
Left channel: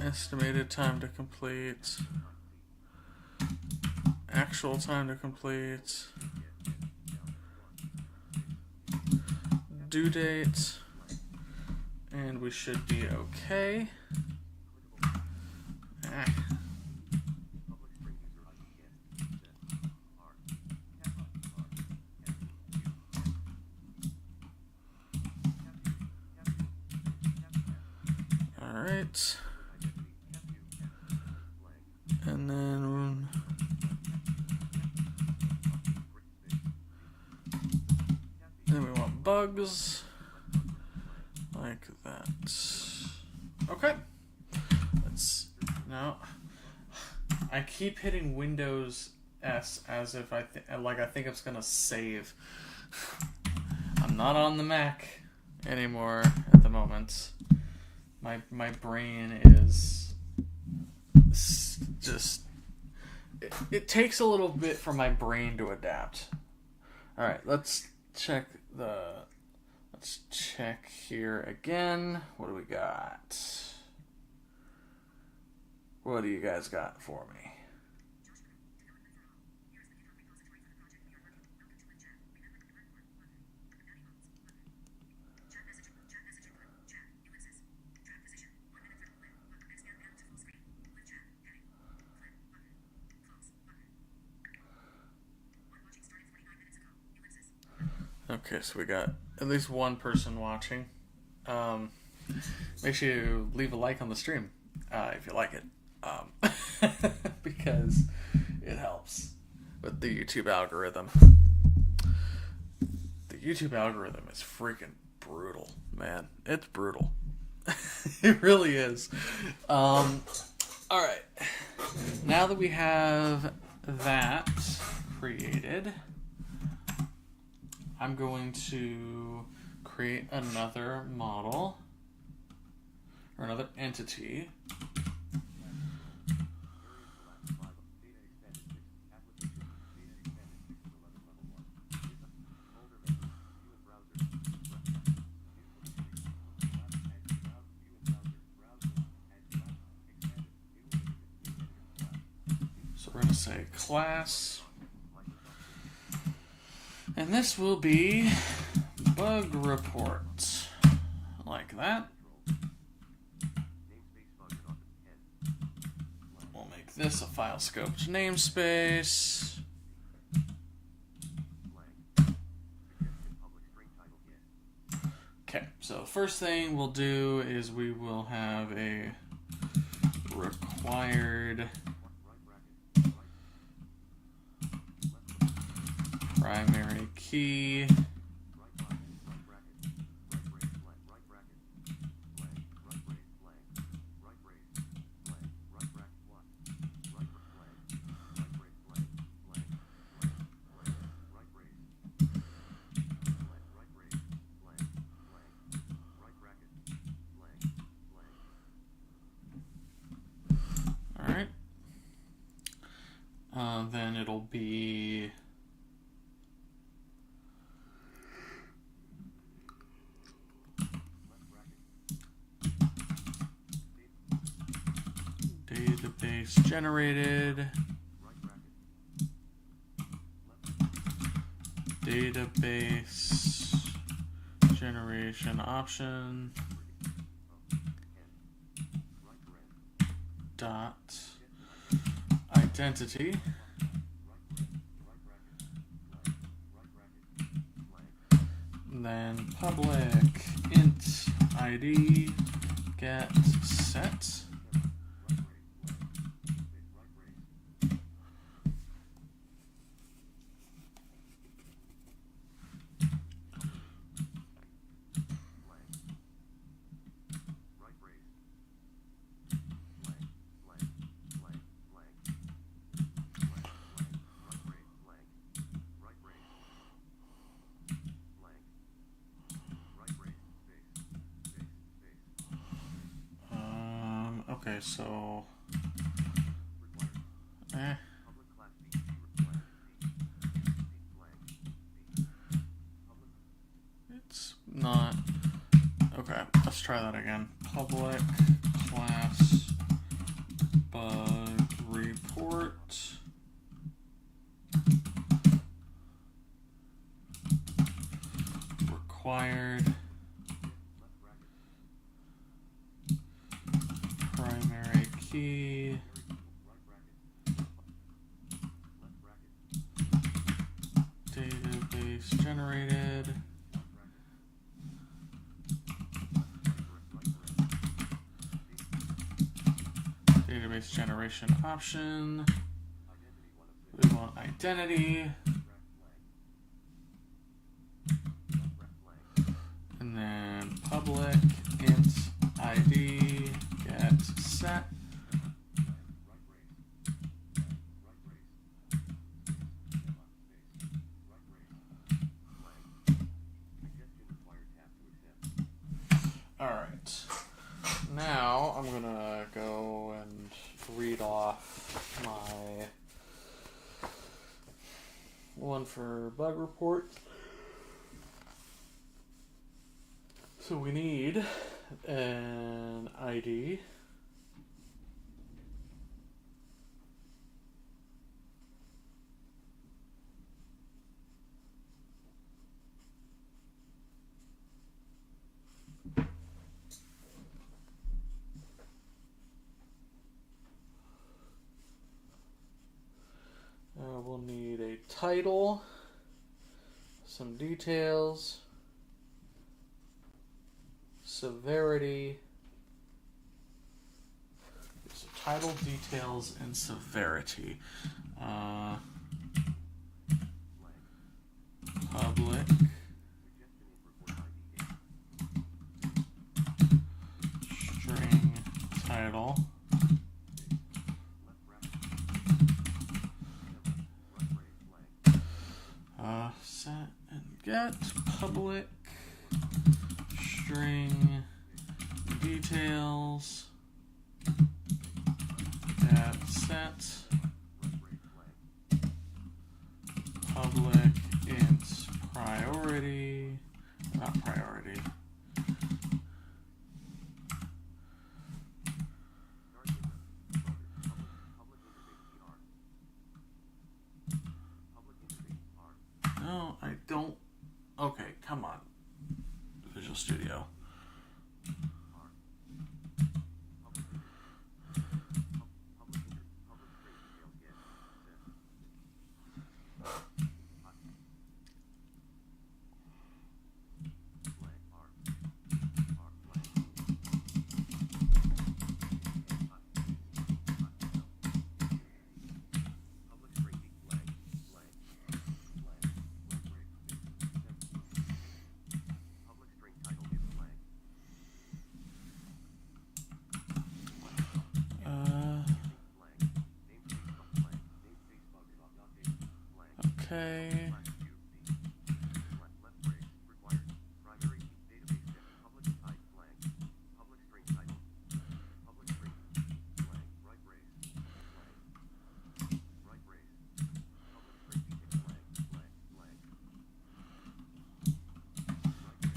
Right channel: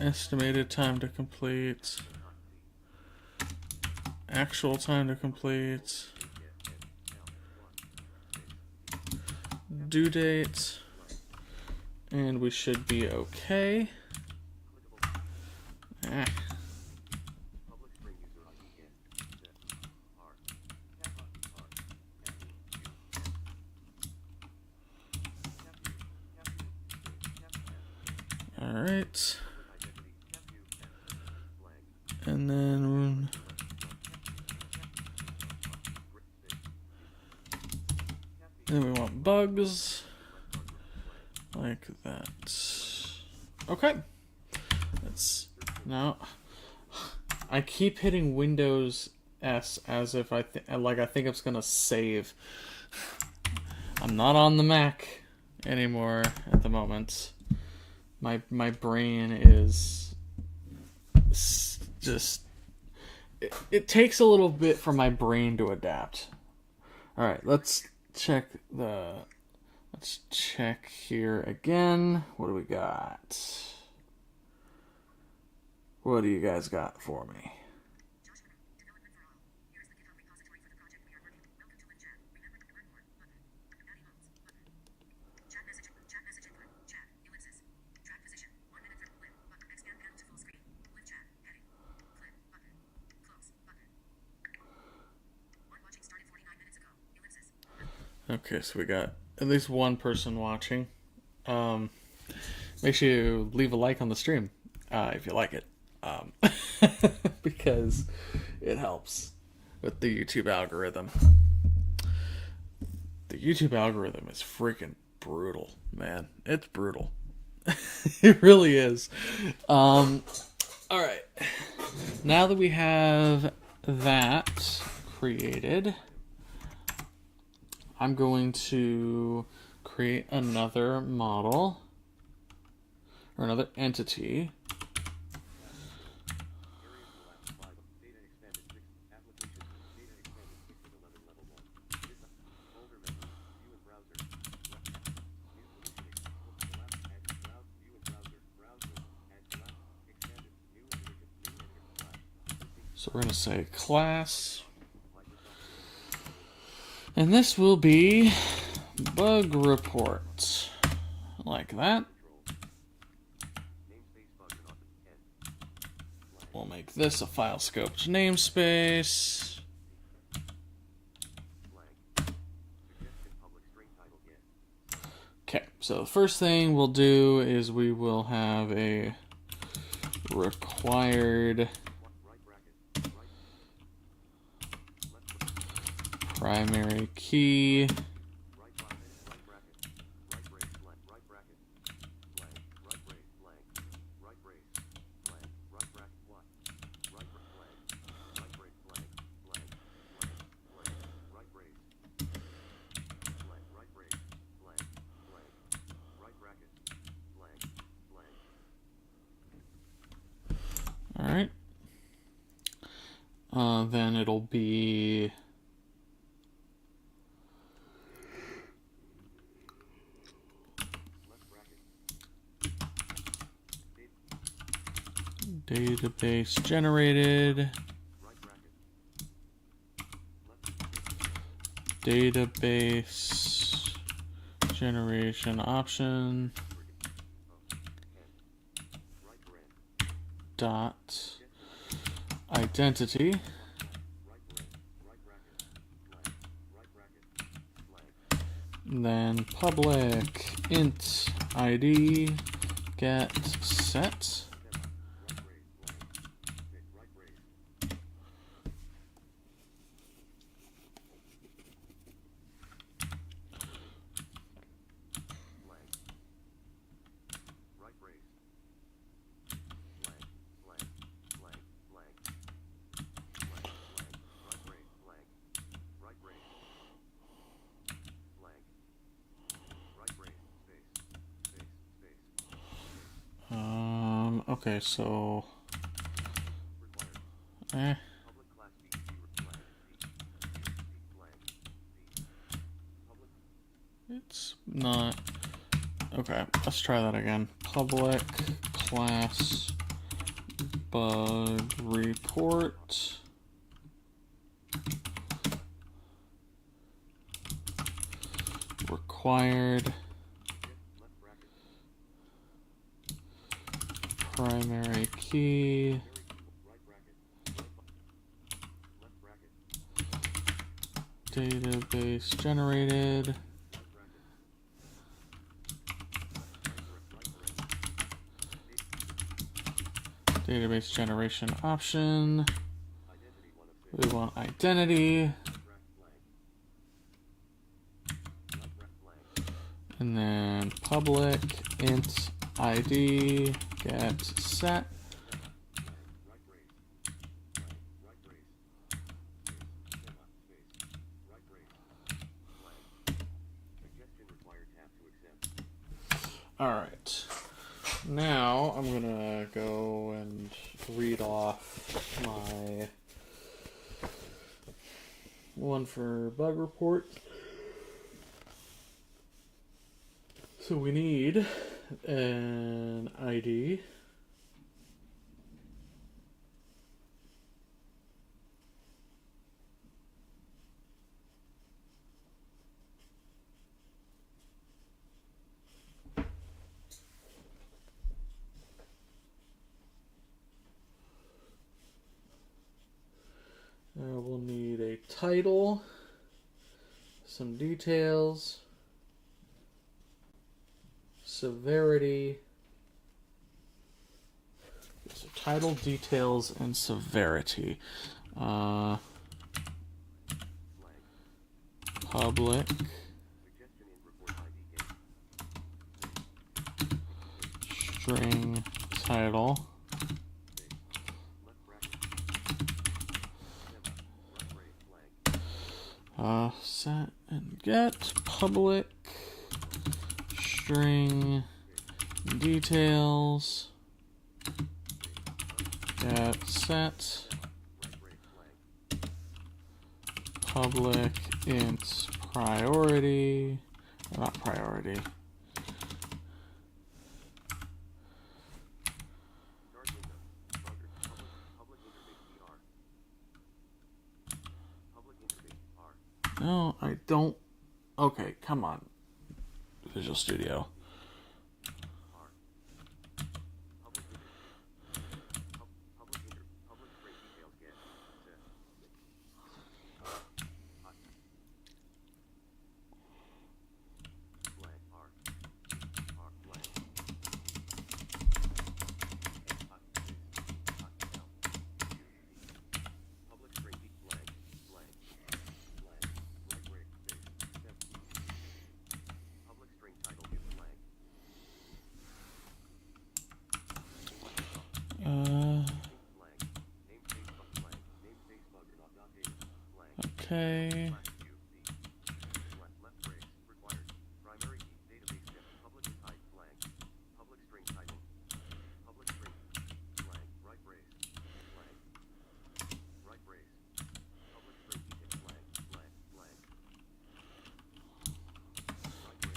Estimated time to complete. Actual time to complete. Due date. And we should be okay. All right. And then we want bugs like that. Okay. That's now. I keep hitting Windows S as if I think it's gonna save. I'm not on the Mac anymore at the moment. My brain is just it takes a little bit for my brain to adapt. All right, let's check here again. What do we got? What do you guys got for me? Okay, so we got at least one person watching. Make sure you leave a like on the stream if you like it, because it helps with the YouTube algorithm. The YouTube algorithm is freaking brutal, man. It's brutal. It really is. All right. Now that we have that created, I'm going to create another model or another entity. So we're going to say class. And this will be bug report, like that. We'll make this a file scoped namespace. So the first thing we'll do is we will have a required primary key Alright. Then it'll be database generated, database generation option dot identity, then public int id get set. Okay, so it's not okay. Let's try that again. Public class bug report required primary key database generated database generation option. We want identity and then public int id get set. All right, now I'm gonna go and read off my one for bug report. So we need an ID, we'll need a title, some details, severity, so title, details, and severity. Public string title set and get public string details get set public int priority, not priority, no, I don't. Okay, come on, Visual Studio. Okay.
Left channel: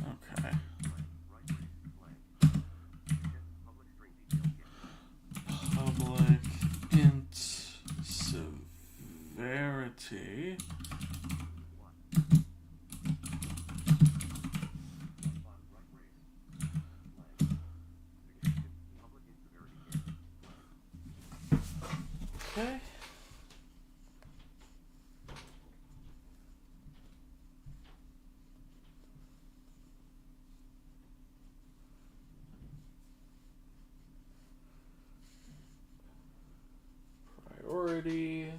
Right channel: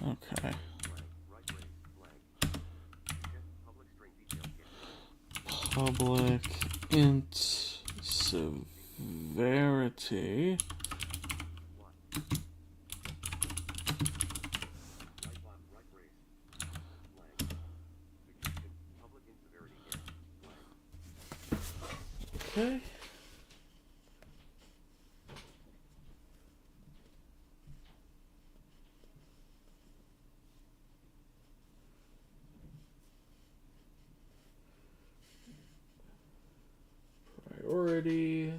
Okay. Public int severity. Okay. Priority.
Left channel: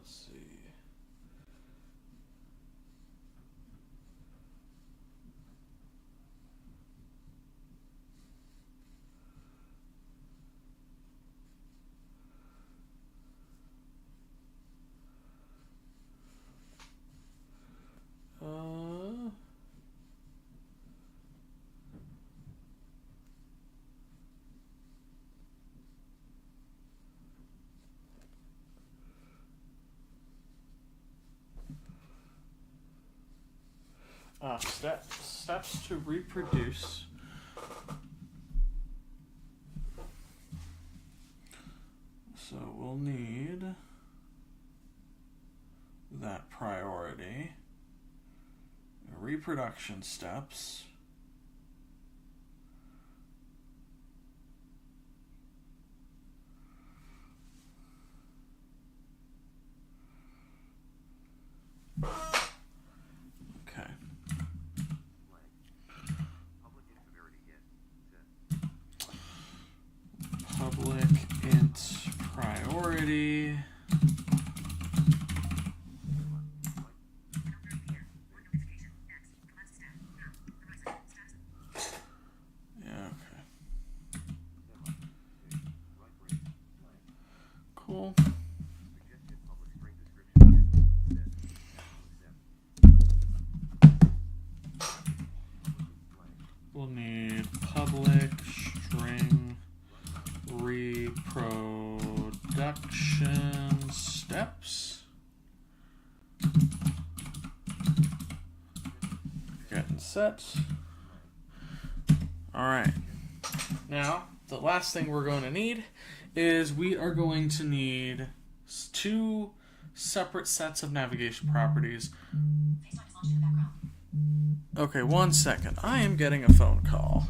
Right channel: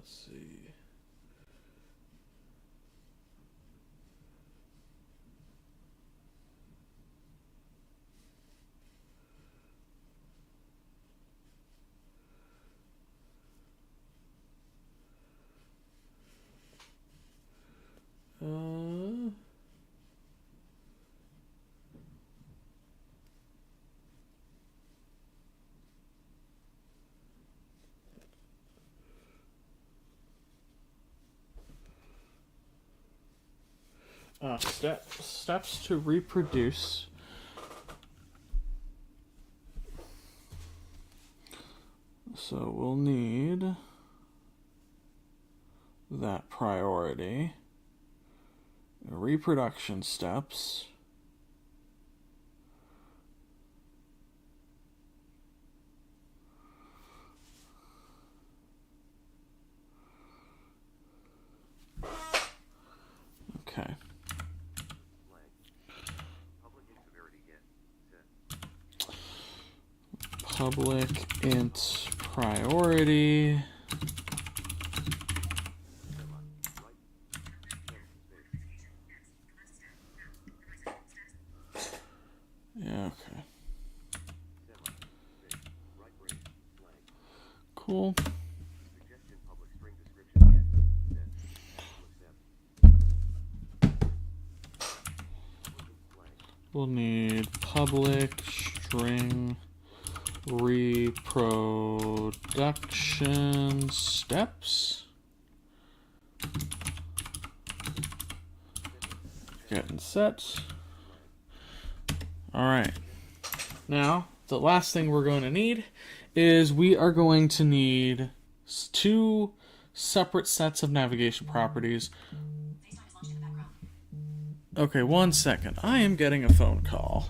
Let's see. Uh, steps to reproduce. So we'll need that priority. Reproduction steps. Okay. Public int priority. Yeah, okay. Cool. We'll need public string reproduction steps. Getting set. All right. Now, the last thing we're going to need is we are going to need two separate sets of navigation properties. Okay, 1 second. I am getting a phone call.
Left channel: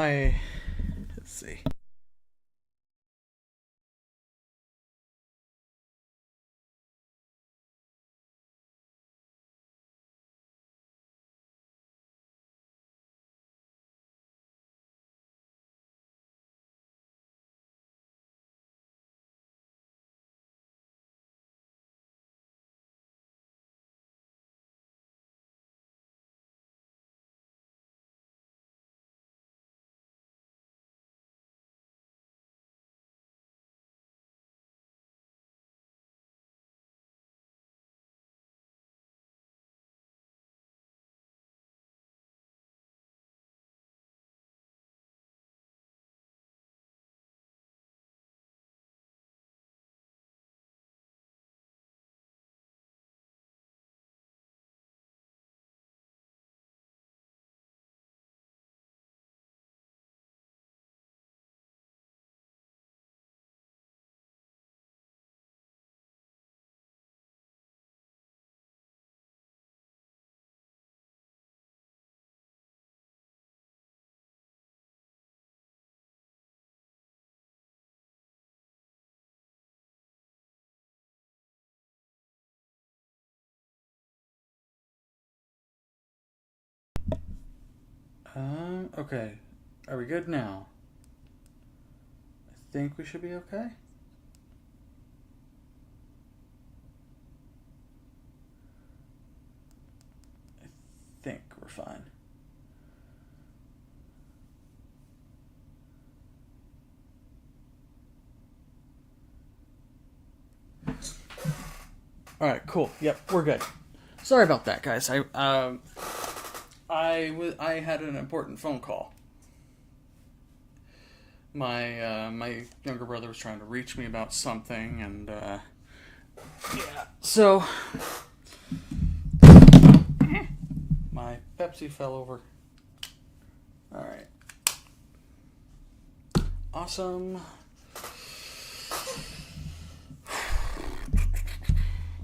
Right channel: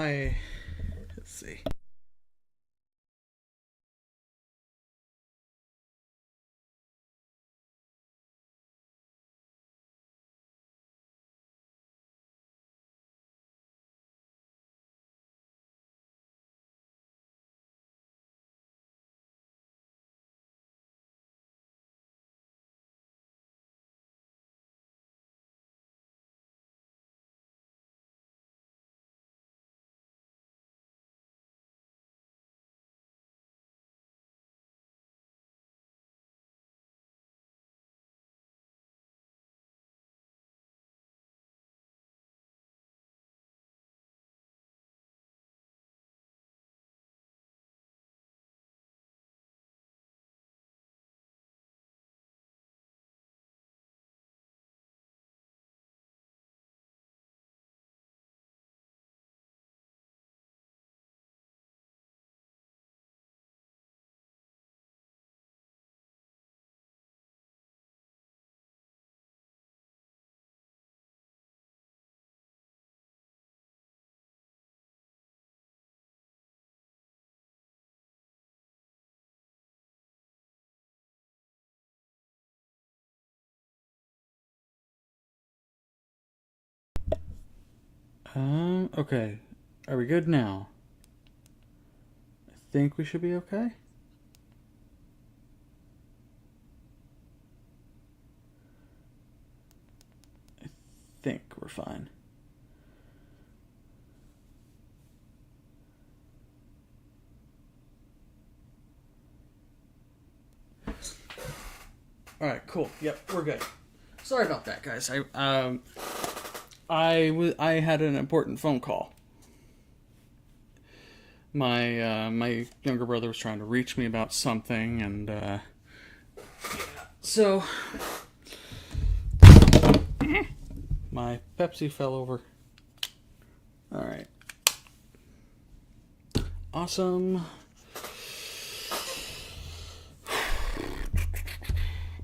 Let's see. Okay. Are we good now? I think we should be okay. I think we're fine. All right, cool. Yep, we're good. Sorry about that, guys. I had an important phone call. My younger brother was trying to reach me about something, and yeah. So my Pepsi fell over. All right. Awesome.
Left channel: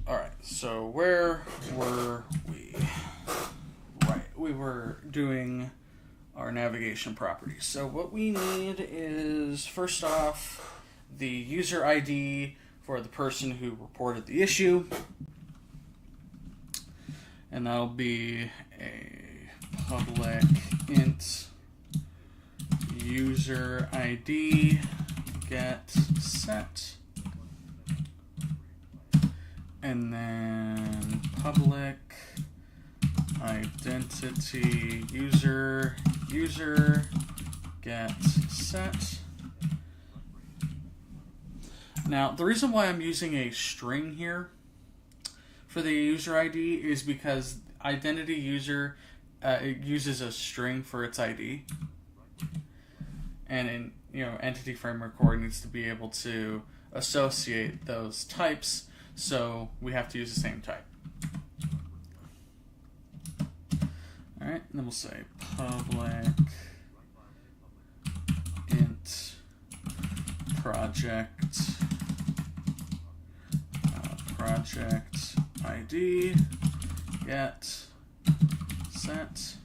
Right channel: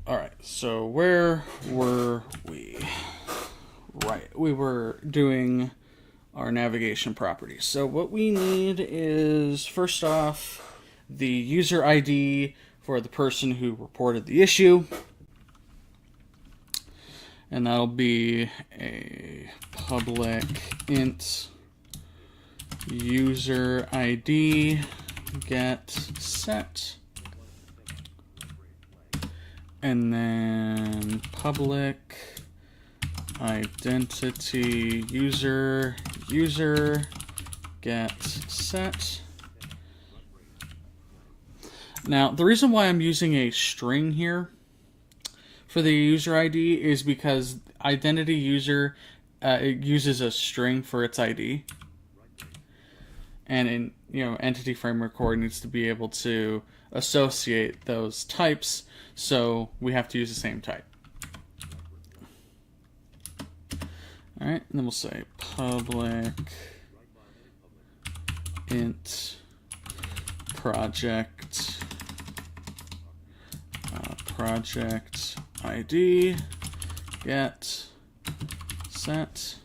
All right. So where were we? Right. We were doing our navigation properties. So what we need is, first off, the user ID for the person who reported the issue. And that'll be a public int user ID get set. And then public identity user get set. Now, the reason why I'm using a string here for the user ID is because identity user it uses a string for its ID, and in Entity Framework Core needs to be able to associate those types, so we have to use the same type. All right, and then we'll say public int project ID get set.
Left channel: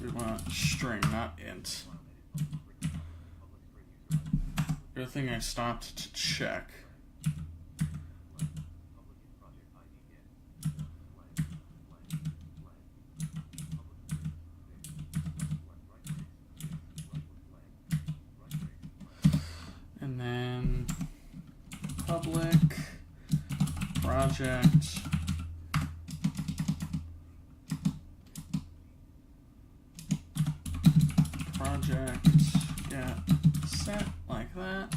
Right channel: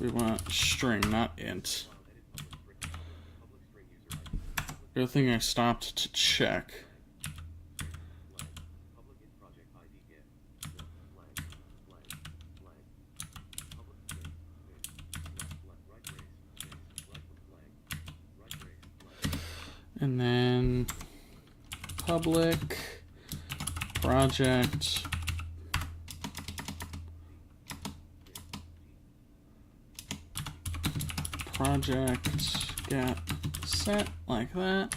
We want string, not int. Good thing I stopped to check. And then public project get set, like that.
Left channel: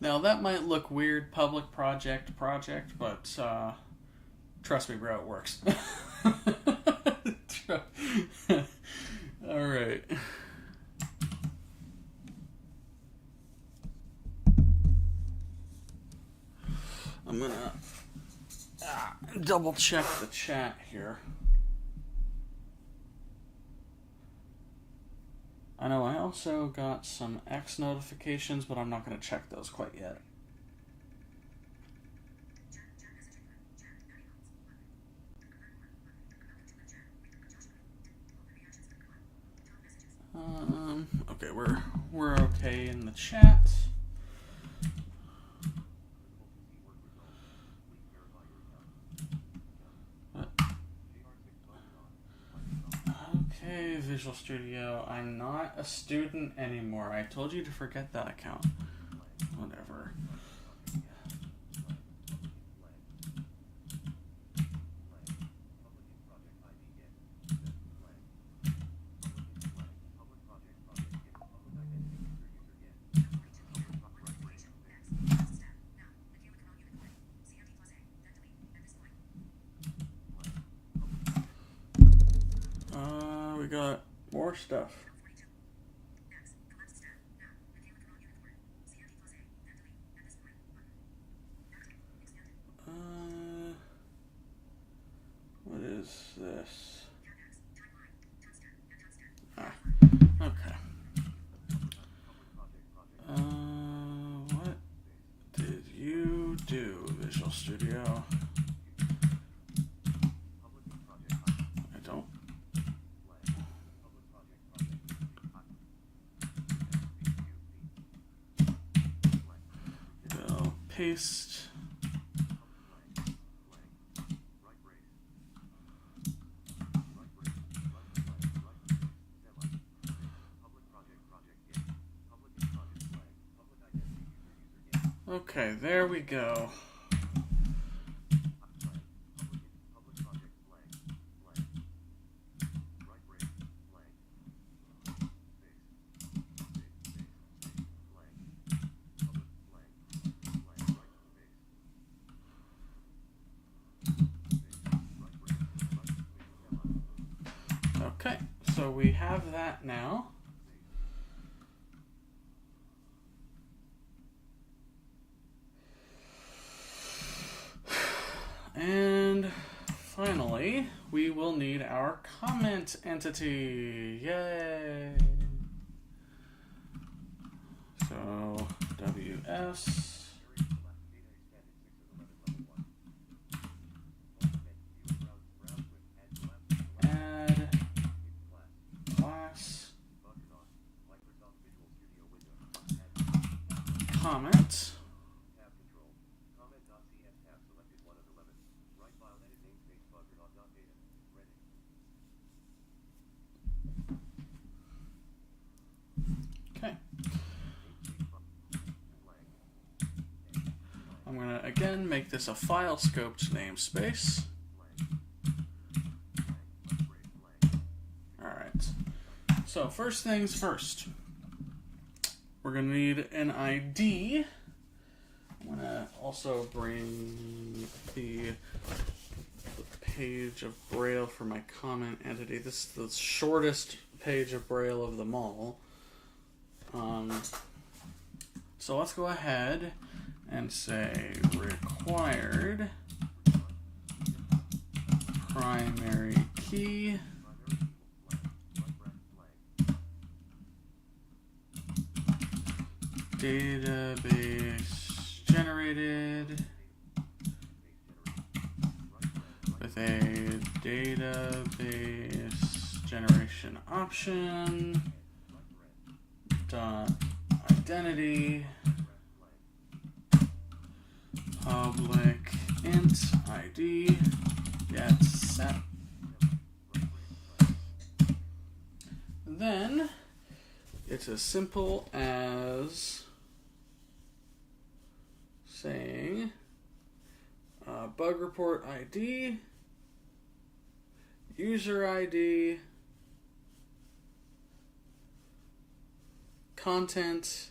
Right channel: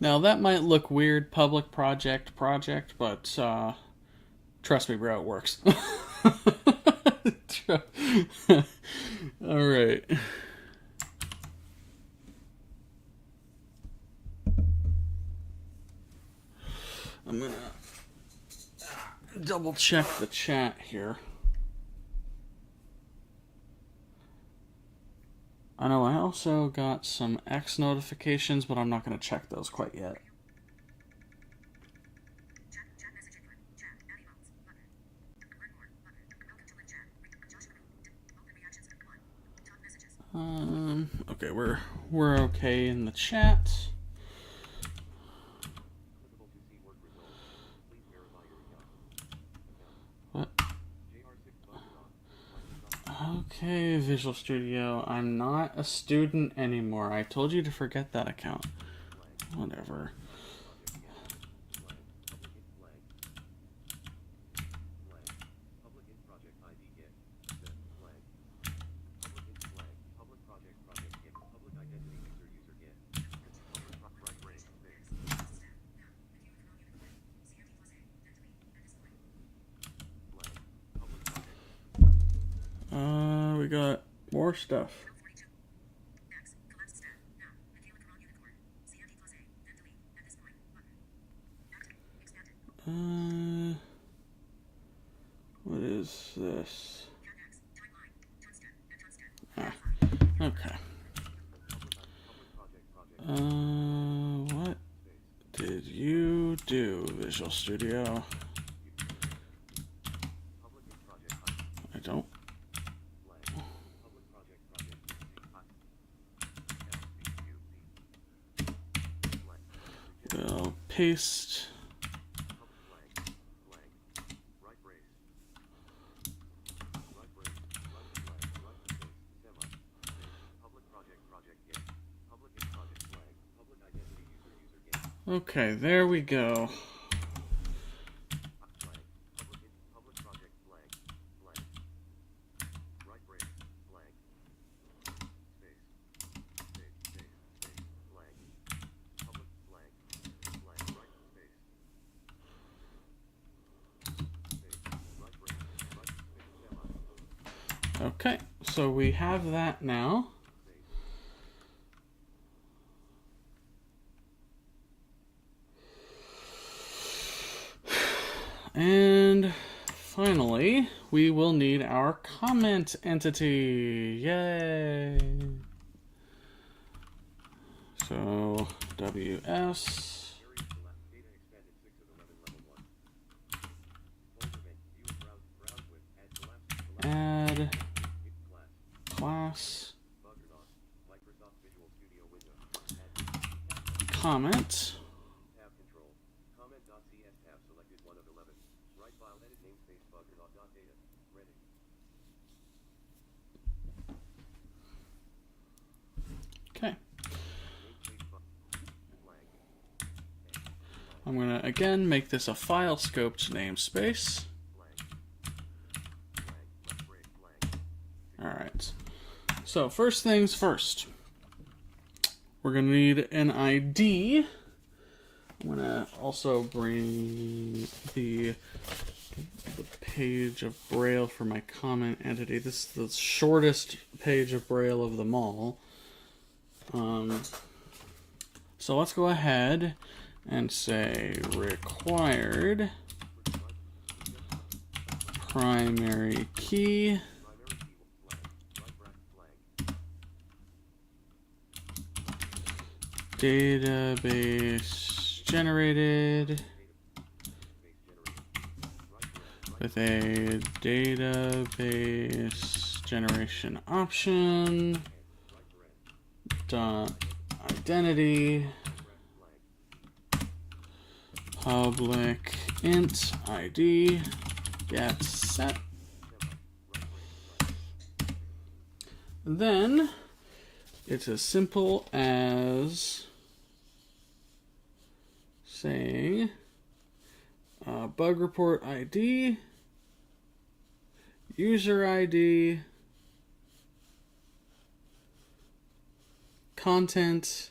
Now that might look weird, public project, but trust me, bro, it works. All right. I'm gonna double check the chat here. I know I also got some X notifications, but I'm not going to check those quite yet. Okay, we're okay in the chat. What? Okay, Visual Studio. I'm not a student anymore. I told you to forget that account. Whatever. We got more stuff. What is this? Ah, okay. What did you do, Visual Studio? I don't. We'll paste. Okay, there we go. Okay, so we have that now. And finally, we will need our comment entity. Yay! So, WS. Add class comment. Okay. I'm going to again make this a file scoped namespace. Alright. So first things first. We're going to need an ID. I'm going to also bring the page of Braille for my comment entity. This is the shortest page of Braille of them all. So let's go ahead and say required primary key database generated with a database generation option dot identity public int ID get set. Then it's as simple as saying bug report ID, user ID, content,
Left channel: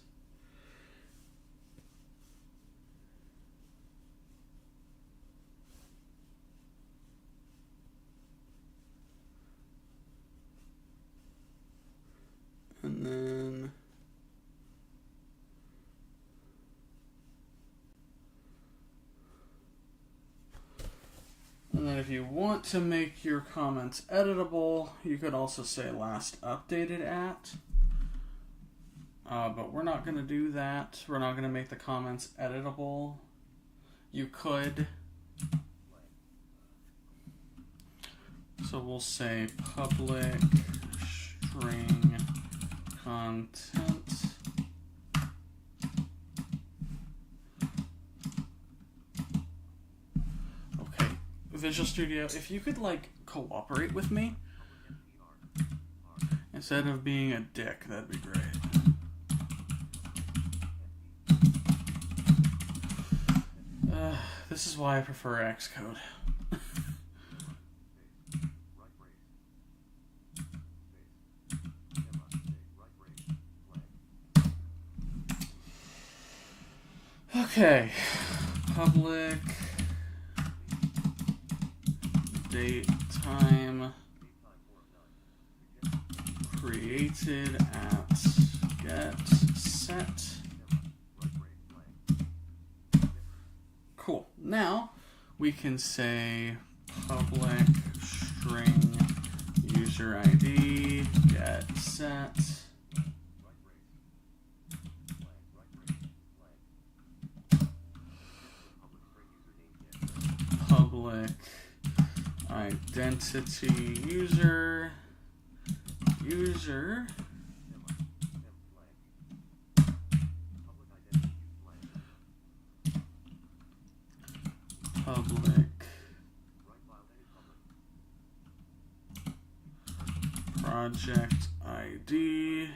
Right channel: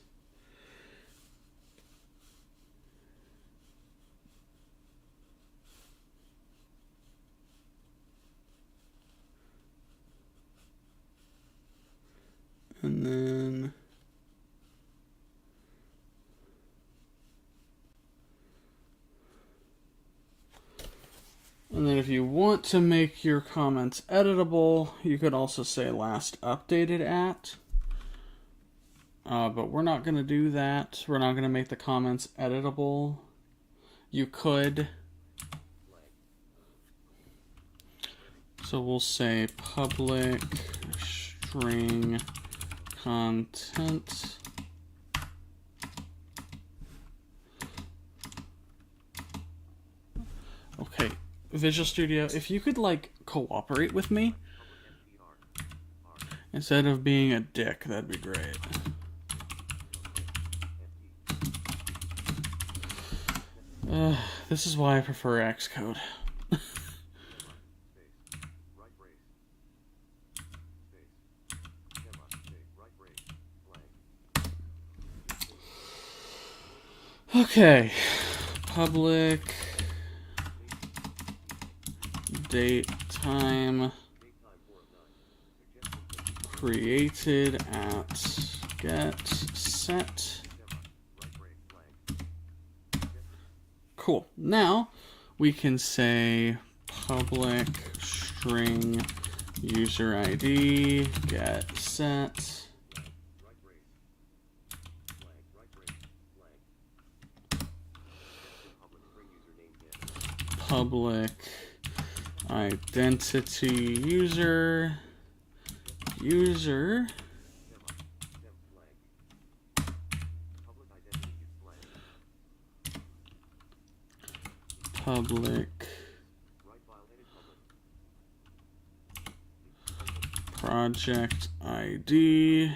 and then if you want to make your comments editable, you could also say last updated at. but we're not going to do that. We're not going to make the comments editable. You could. So we'll say public string content. Okay, Visual Studio, if you could like cooperate with me instead of being a dick, that'd be great. This is why I prefer Xcode. Okay, public date time created at get set. Cool. Now we can say public string user ID get set. Public identity user public project ID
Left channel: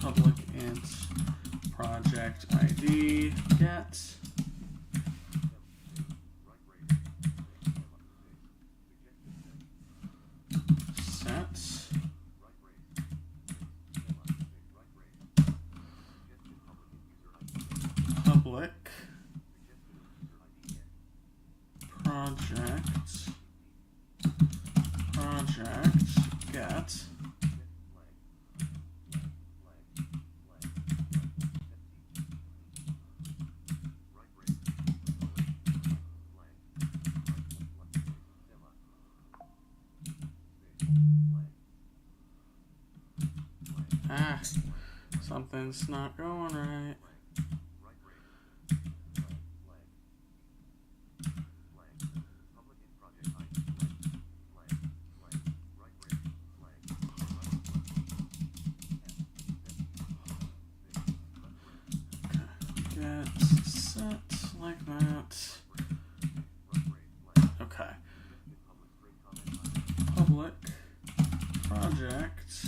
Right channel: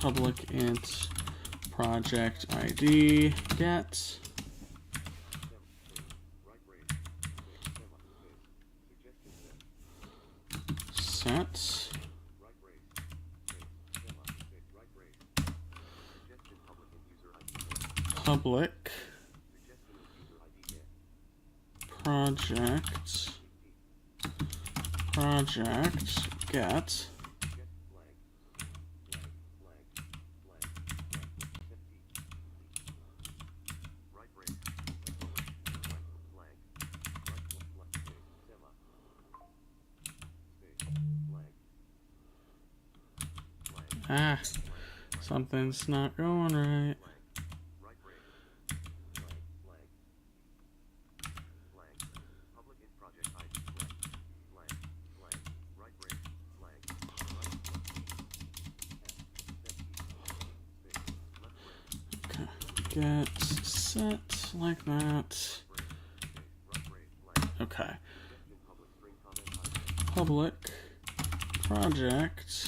public int project ID get set public project get something's not going right. Get set like that. Okay. Public project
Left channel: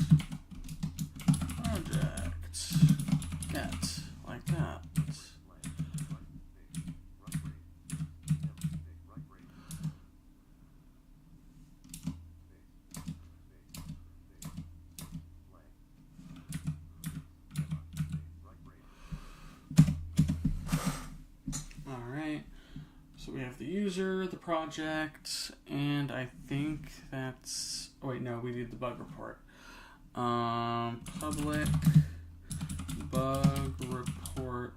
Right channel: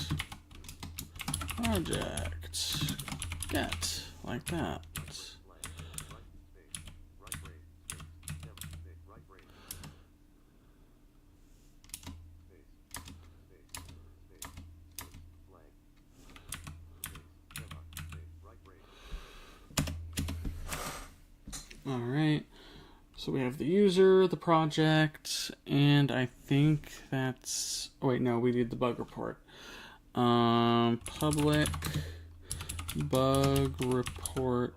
get like that. All right. So we have the user, the project, and I think that's. Oh wait, no, we need the bug report. Public bug report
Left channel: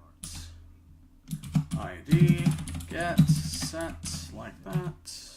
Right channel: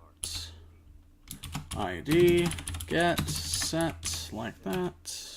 ID get set like that.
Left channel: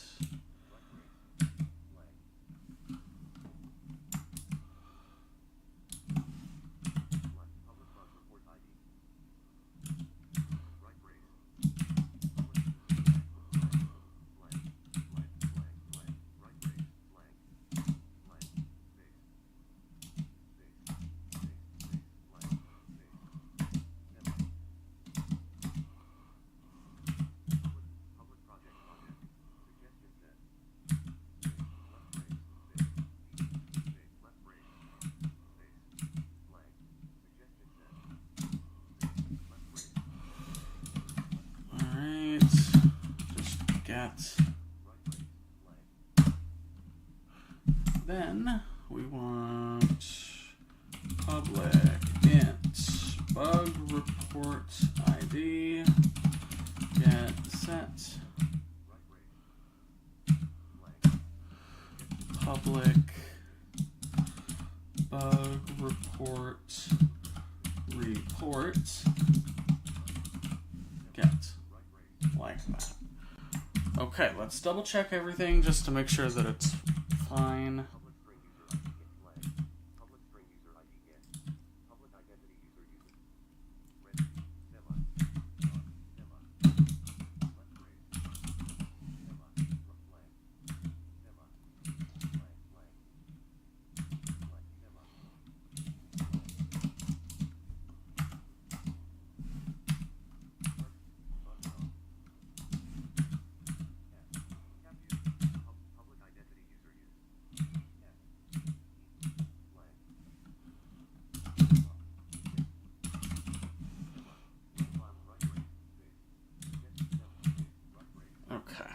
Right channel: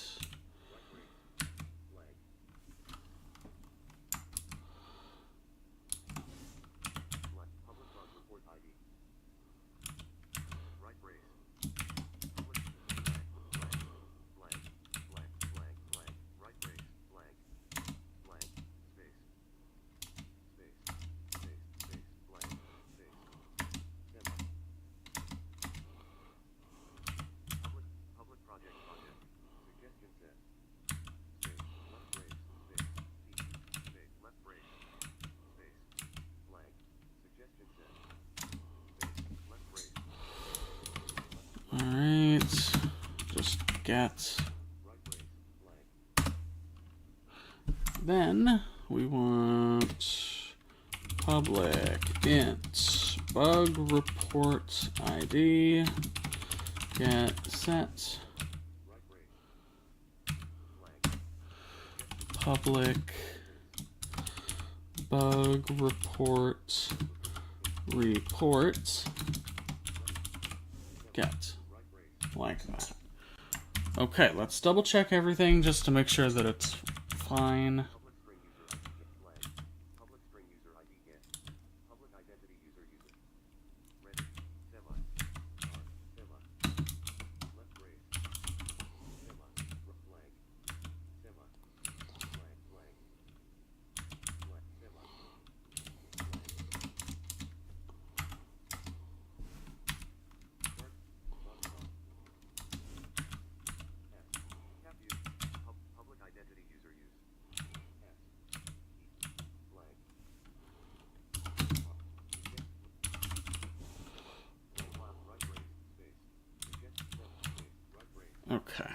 Get. Then we want public int bug report ID get set public bug report get like that. Okay, let's double check everything just to make sure that it's fine. Okay,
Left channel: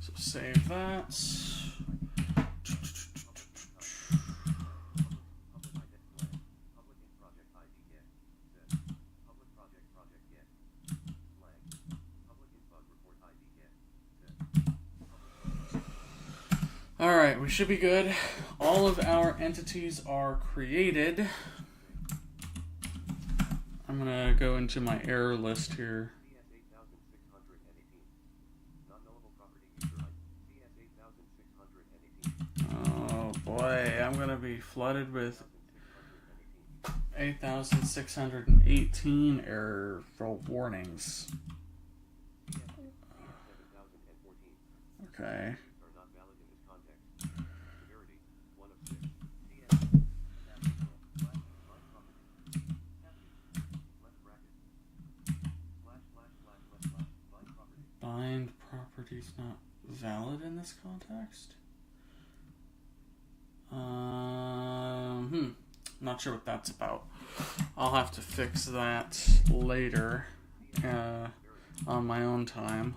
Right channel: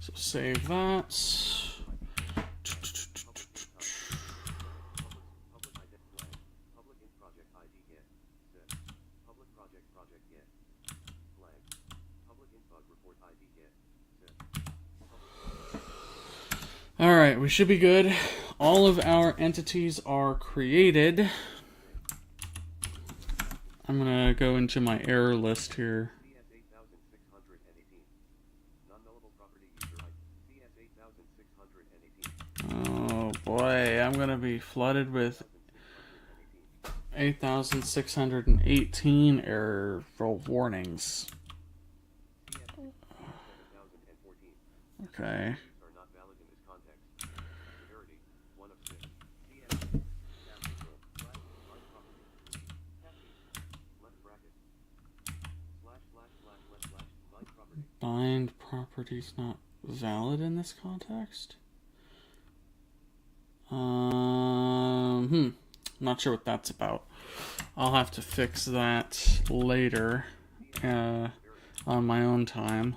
so save that. Alright, we should be good. All of our entities are created. I'm gonna go into my error list here. Oh boy, I'm gonna be flooded with 8,618 error warnings. Okay. Bind properties not valid in this context? Not sure what that's about. I'll have to fix that later on my own time.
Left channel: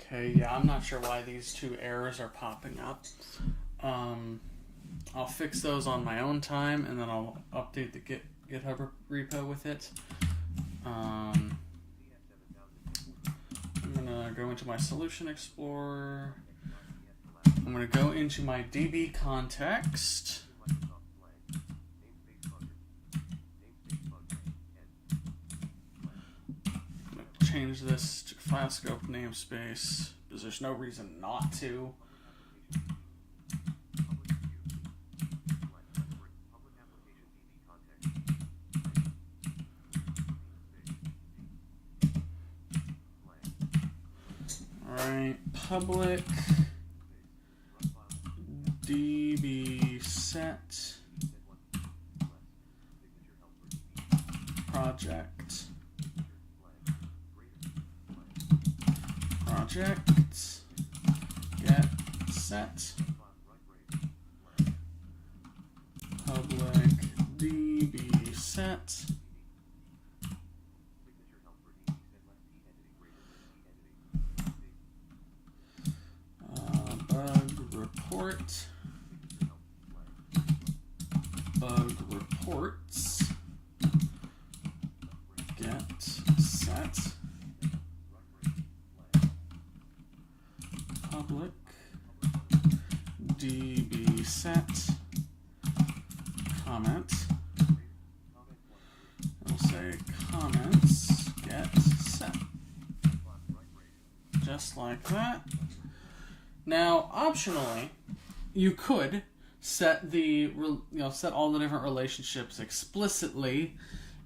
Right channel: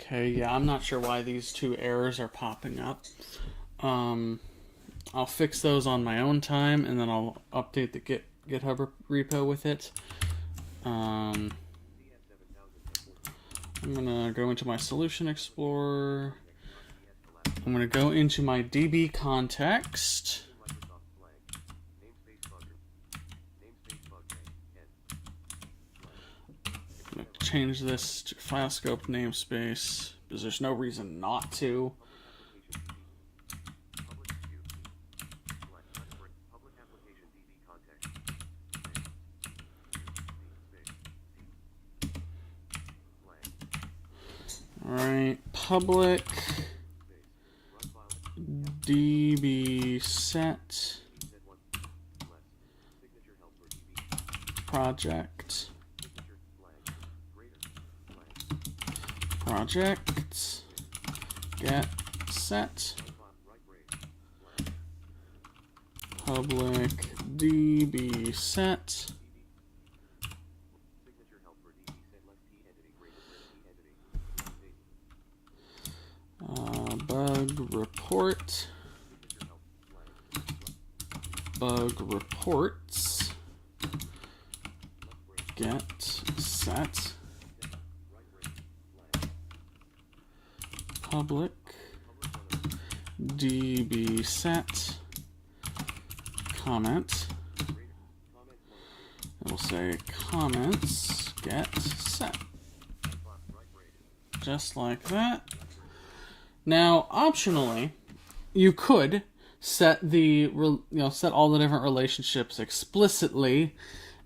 Okay, yeah, I'm not sure why these two errors are popping up. I'll fix those on my own time, and then I'll update the GitHub repo with it. I'm gonna go into my Solution Explorer. I'm gonna go into my DB context. I'm gonna change this to file scope namespace because there's no reason not to. Alright, public db set project get set public db set bug reports get set public db set comment. We'll say comments get set, just like that. Now, optionally, you could set set all the different relationships explicitly,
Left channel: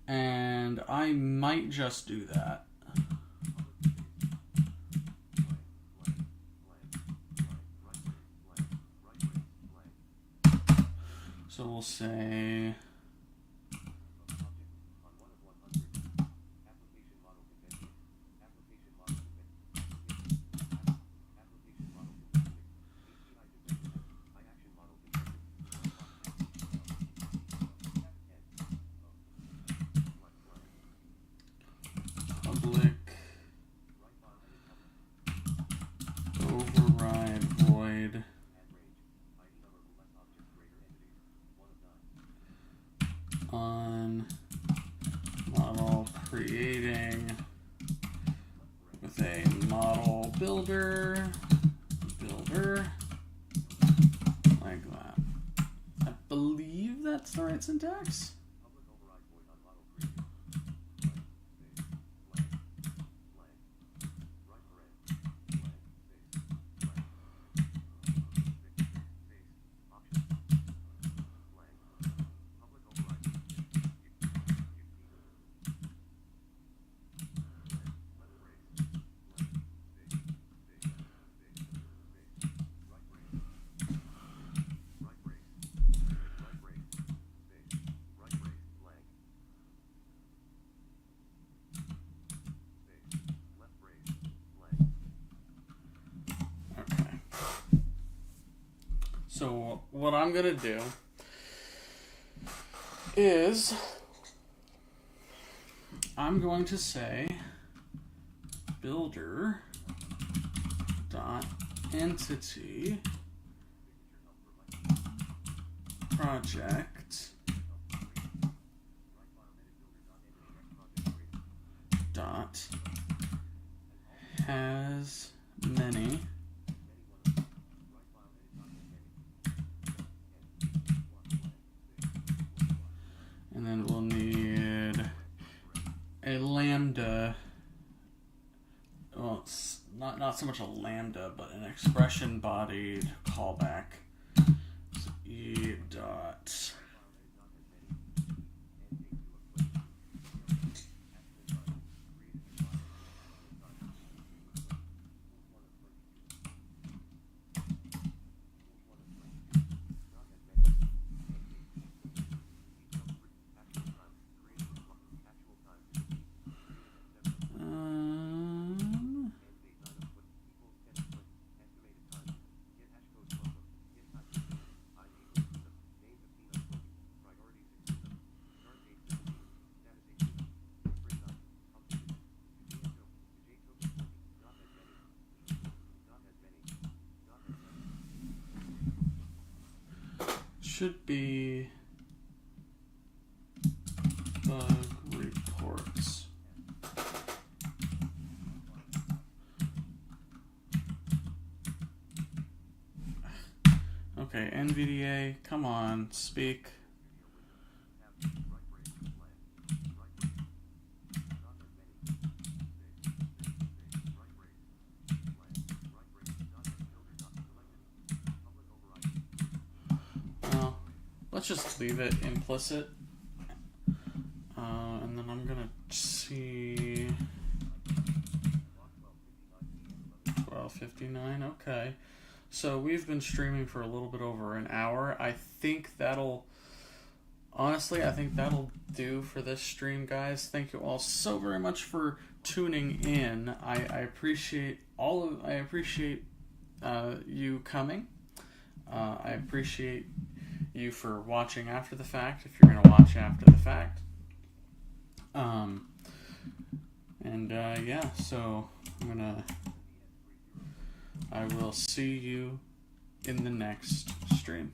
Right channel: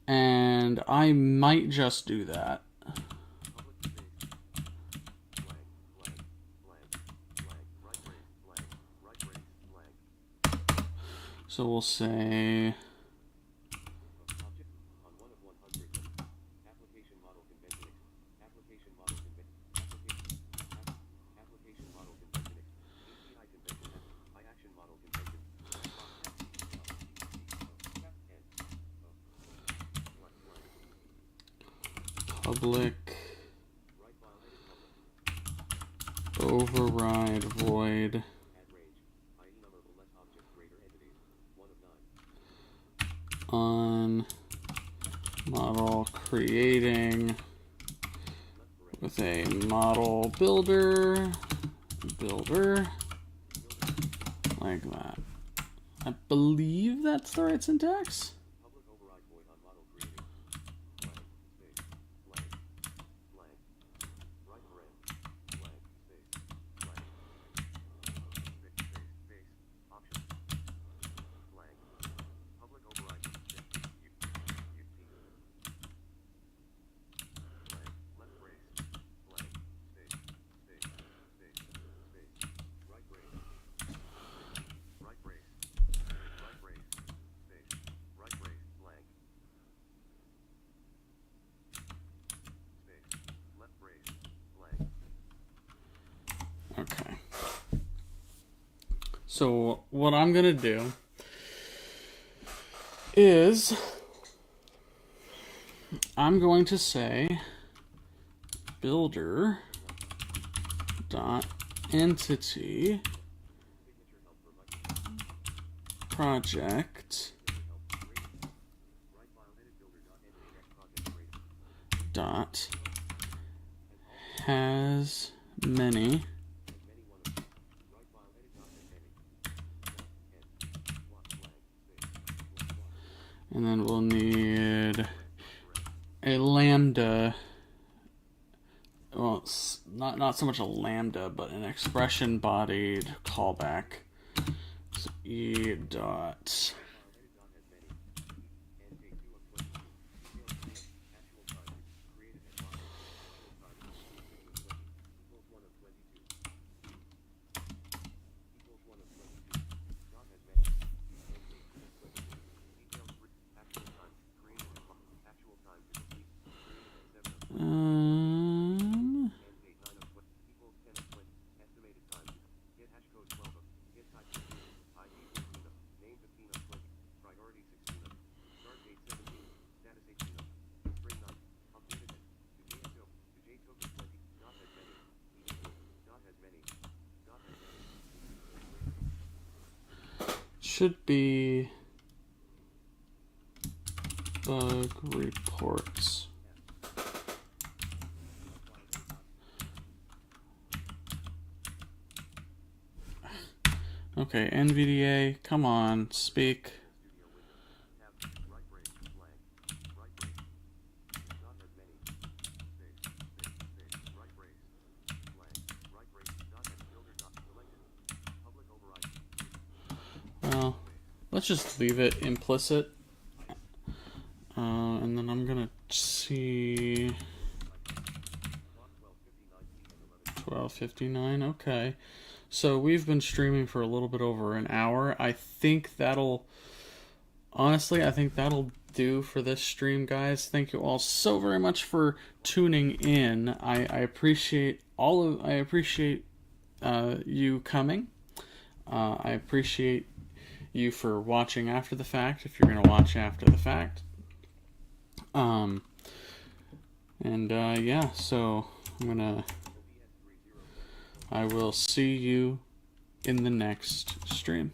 and I might just do that. So we'll say public override void on model creating with a model builder like that. I believe that's the right syntax. Okay. So what I'm gonna do is I'm going to say builder dot entity project dot has many and then we'll need a lambda. Well, it's not so much a lambda, but an expression bodied callback. So e dot should be bug reports. Okay, NVDA, come on, speak. Well, let's just leave it implicit. And then I'm gonna see 12:59. Okay, so we've been streaming for a little bit over an hour. I think that'll do for this stream, guys. Thank you all so very much for tuning in. I appreciate you coming. I appreciate you for watching after the fact, if you're going to watch after the fact. Yeah, so I will see you in the next stream.